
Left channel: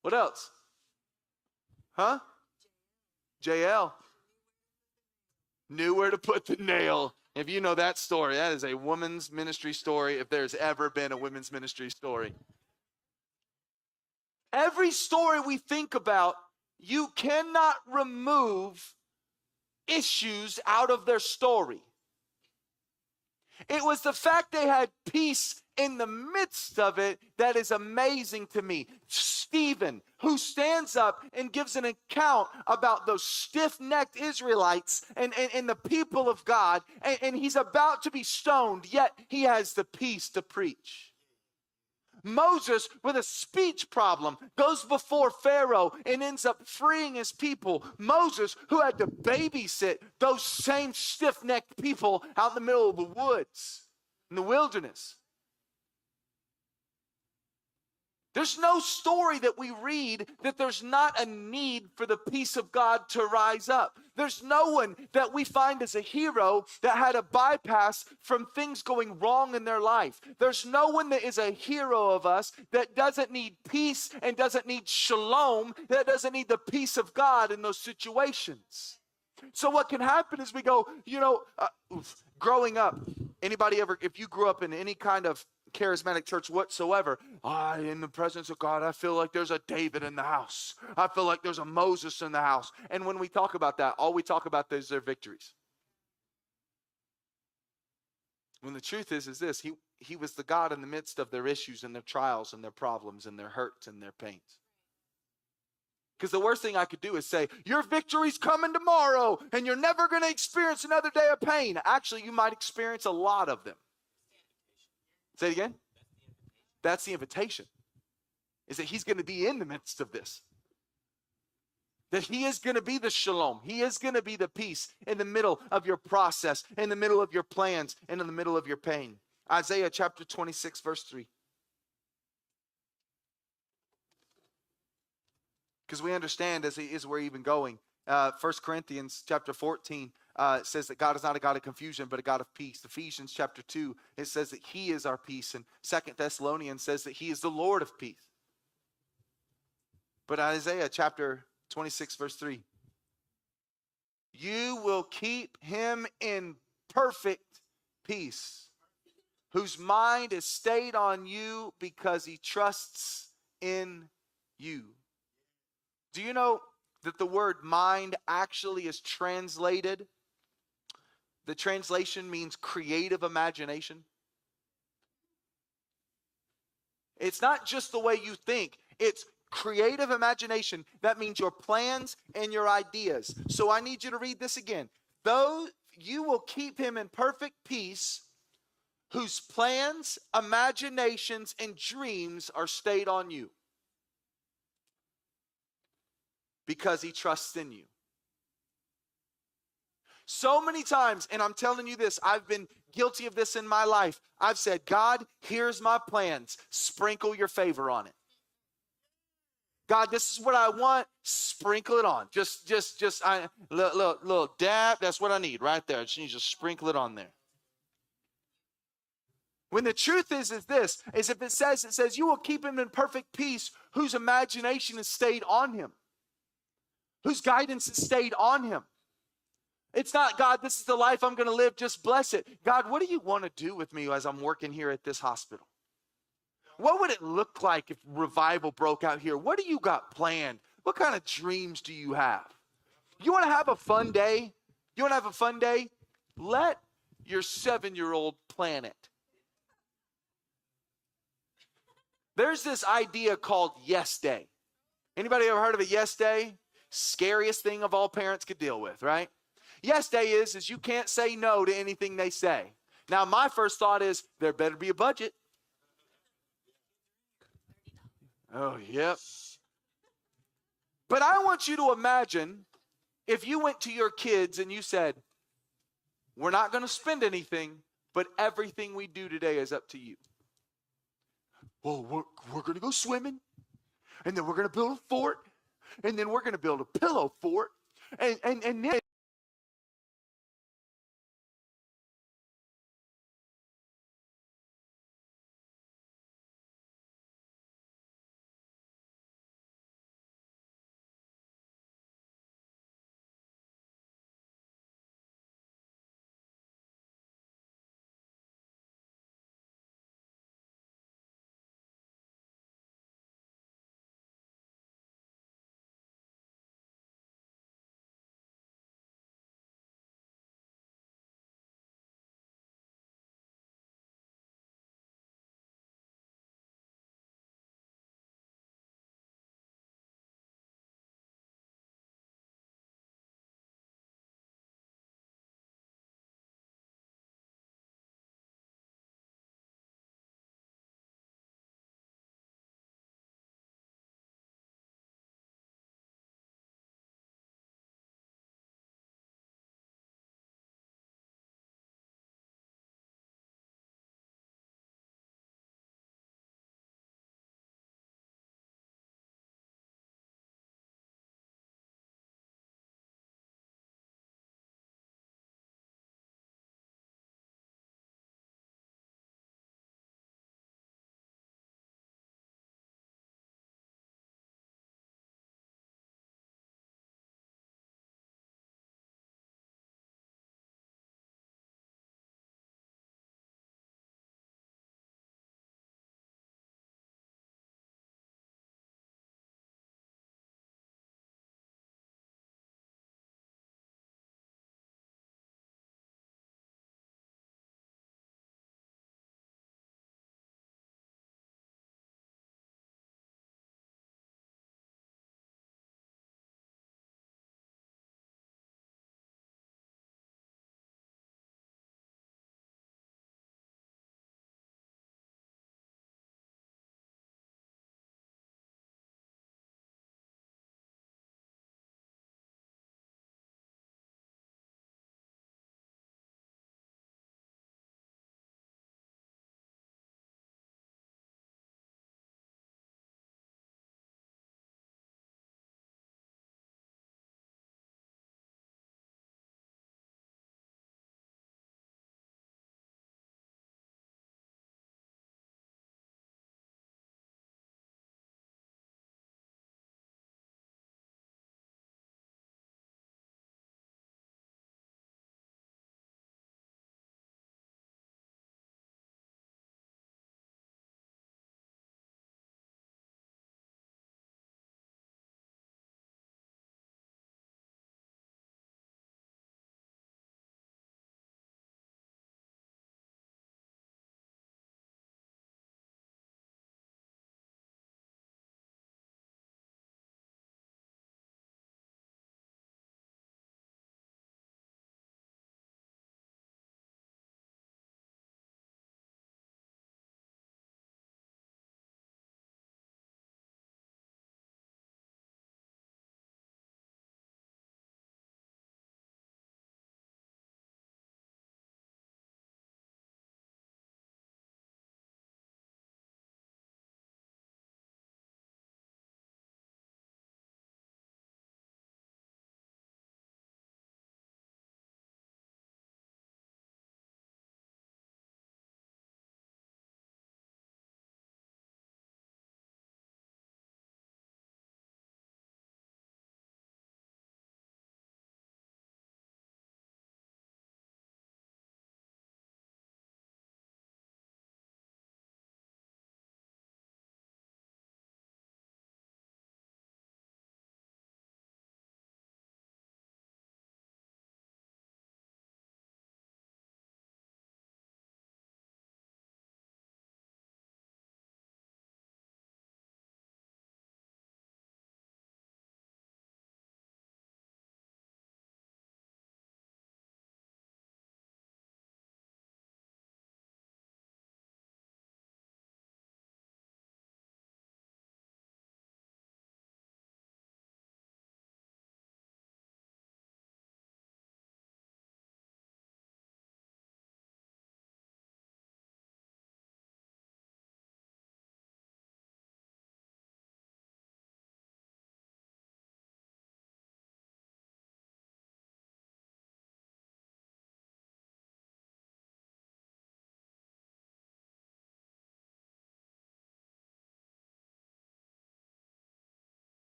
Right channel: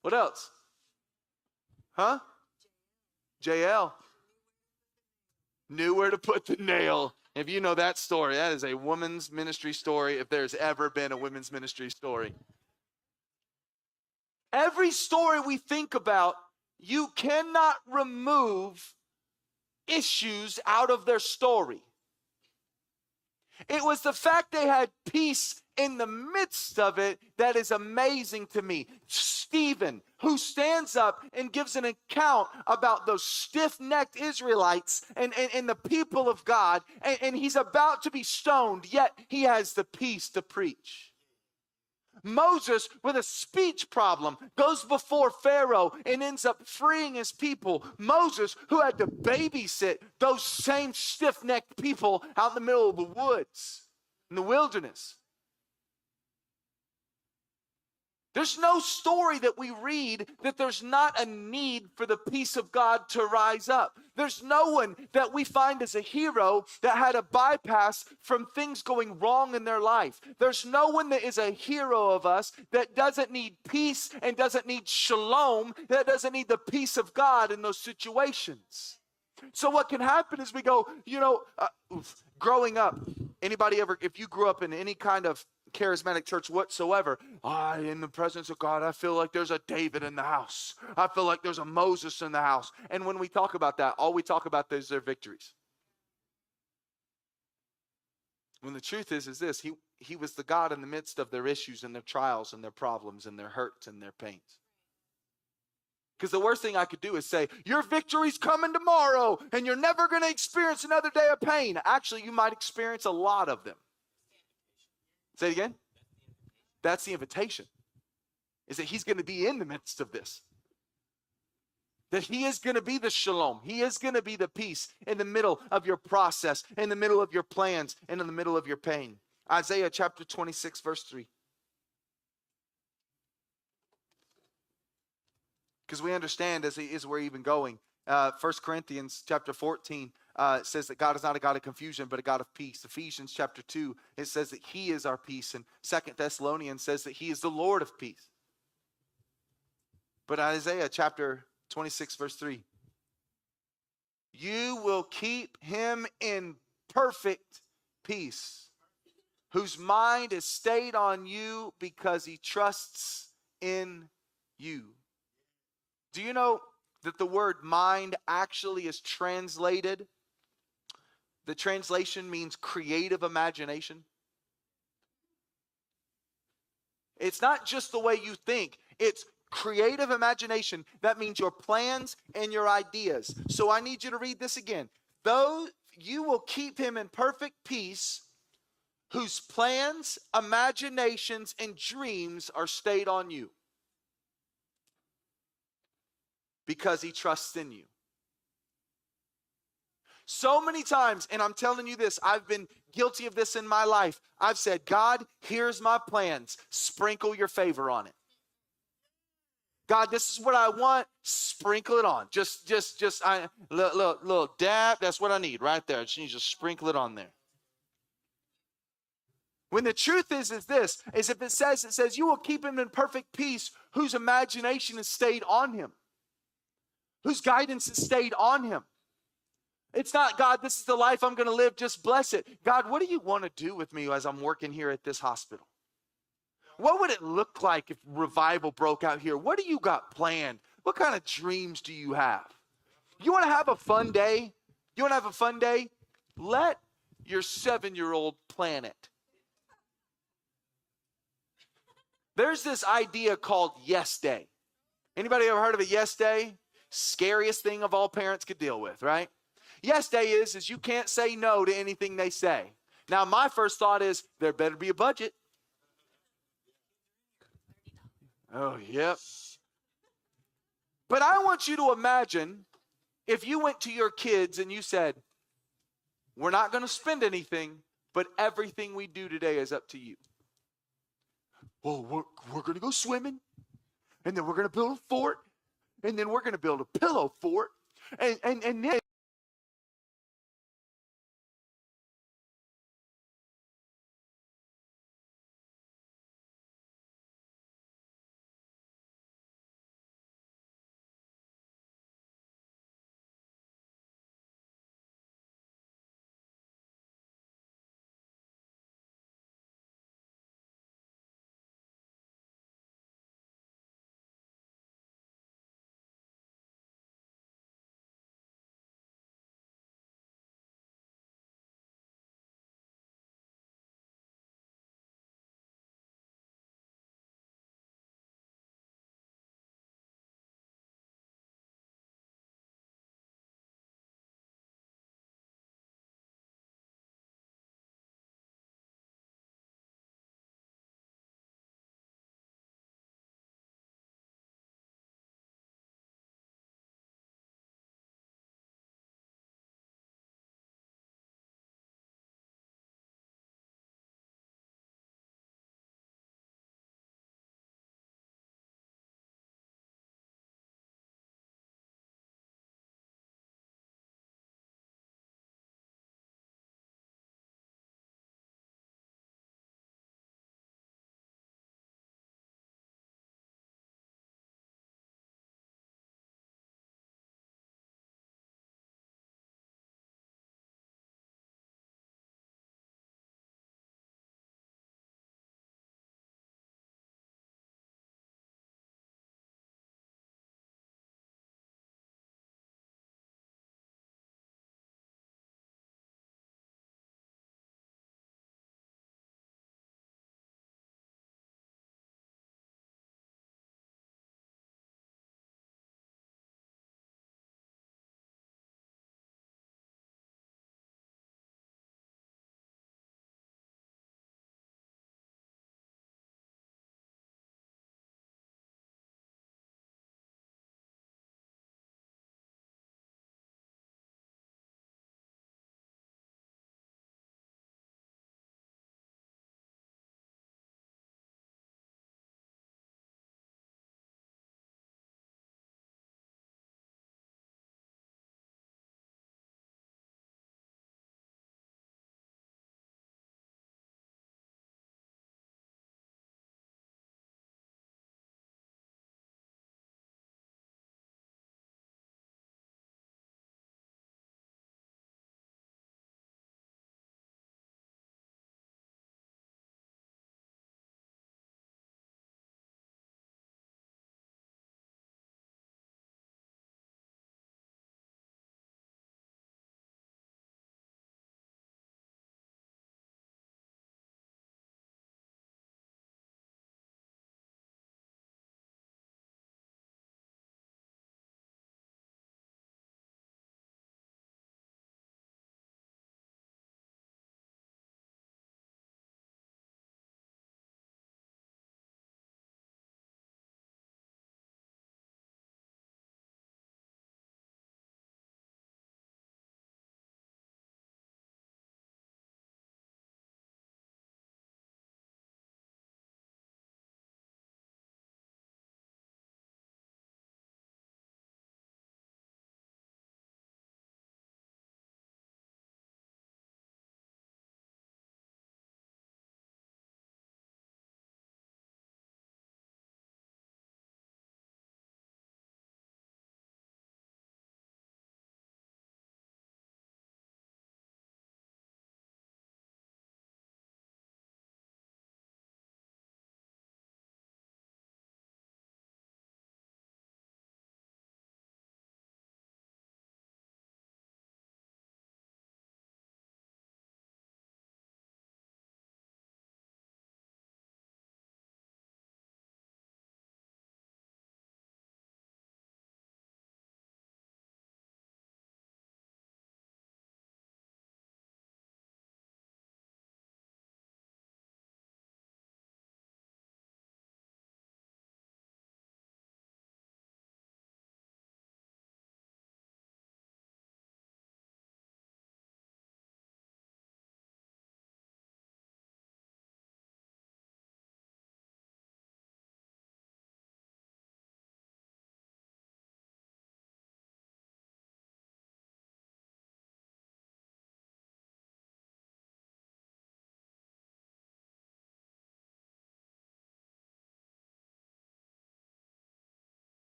What else? Huh? JL. Knew where to put the nail. If you know that story, that is a women's ministry story if there's ever been a women's ministry story. Every story we think about, you cannot remove issues out of their story. It was the fact they had peace in the midst of it that is amazing to me. Stephen, who stands up and gives an account about those stiff-necked Israelites and the people of God, and he's about to be stoned, yet he has the peace to preach. Moses, with a speech problem, goes before Pharaoh and ends up freeing his people. Moses, who had to babysit those same stiff-necked people out in the middle of the woods, in the wilderness. There's no story that we read that there's not a need for the peace of God to rise up. There's no one that we find as a hero that had a bypass from things going wrong in their life. There's no one that is a hero of us that doesn't need peace and doesn't need shalom, that doesn't need the peace of God in those situations. So what can happen is we go, growing up, anybody ever, if you grew up in any kind of charismatic church whatsoever. In the presence of God, I feel like there's a David in the house. I feel like there's a Moses in the house. And when we talk about that, all we talk about is their victories. When the truth is this, he was the God in the midst of their issues and their trials and their problems and their hurts and their pains. Because the worst thing I could do is say, your victory's coming tomorrow and you're never going to experience another day of pain. Actually, you might experience a lot of them. Say it again. That's the invitation. Is that he's going to be in the midst of this. That he is going to be the shalom. He is going to be the peace in the middle of your process, in the middle of your plans, and in the middle of your pain. Isaiah chapter 26, verse 3. Because we understand as we're even going. 1 Corinthians chapter 14 says that God is not a God of confusion, but a God of peace. Ephesians chapter 2, it says that he is our peace. And 2 Thessalonians says that he is the Lord of peace. But Isaiah chapter 26, verse 3. You will keep him in perfect peace, whose mind is stayed on you because he trusts in you. Do you know that the word mind actually is translated? The translation means creative imagination. It's not just the way you think. It's creative imagination. That means your plans and your ideas. So I need you to read this again. Though you will keep him in perfect peace, whose plans, imaginations, and dreams are stayed on you, because he trusts in you. So many times, and I'm telling you this, I've been guilty of this in my life. I've said, God, here's my plans. Sprinkle your favor on it. God, this is what I want. Sprinkle it on. Just little dab. That's what I need right there. You just sprinkle it on there. When the truth is this, is if it says, you will keep him in perfect peace, whose imagination is stayed on him, whose guidance is stayed on him. It's not, God, this is the life I'm going to live, just bless it. God, what do you want to do with me as I'm working here at this hospital? What would it look like if revival broke out here? What do you got planned? What kind of dreams do you have? You want to have a fun day? You want to have a fun day? Let your 7-year-old plan it. There's this idea called yes day. Anybody ever heard of a yes day? Scariest thing of all parents could deal with, right? Yes day is you can't say no to anything they say. Now, my first thought is there better be a budget. Oh, yep. But I want you to imagine if you went to your kids and you said, we're not going to spend anything, but everything we do today is up to you. Well, we're going to go swimming, and then we're going to build a fort, and then we're going to build a pillow fort, and then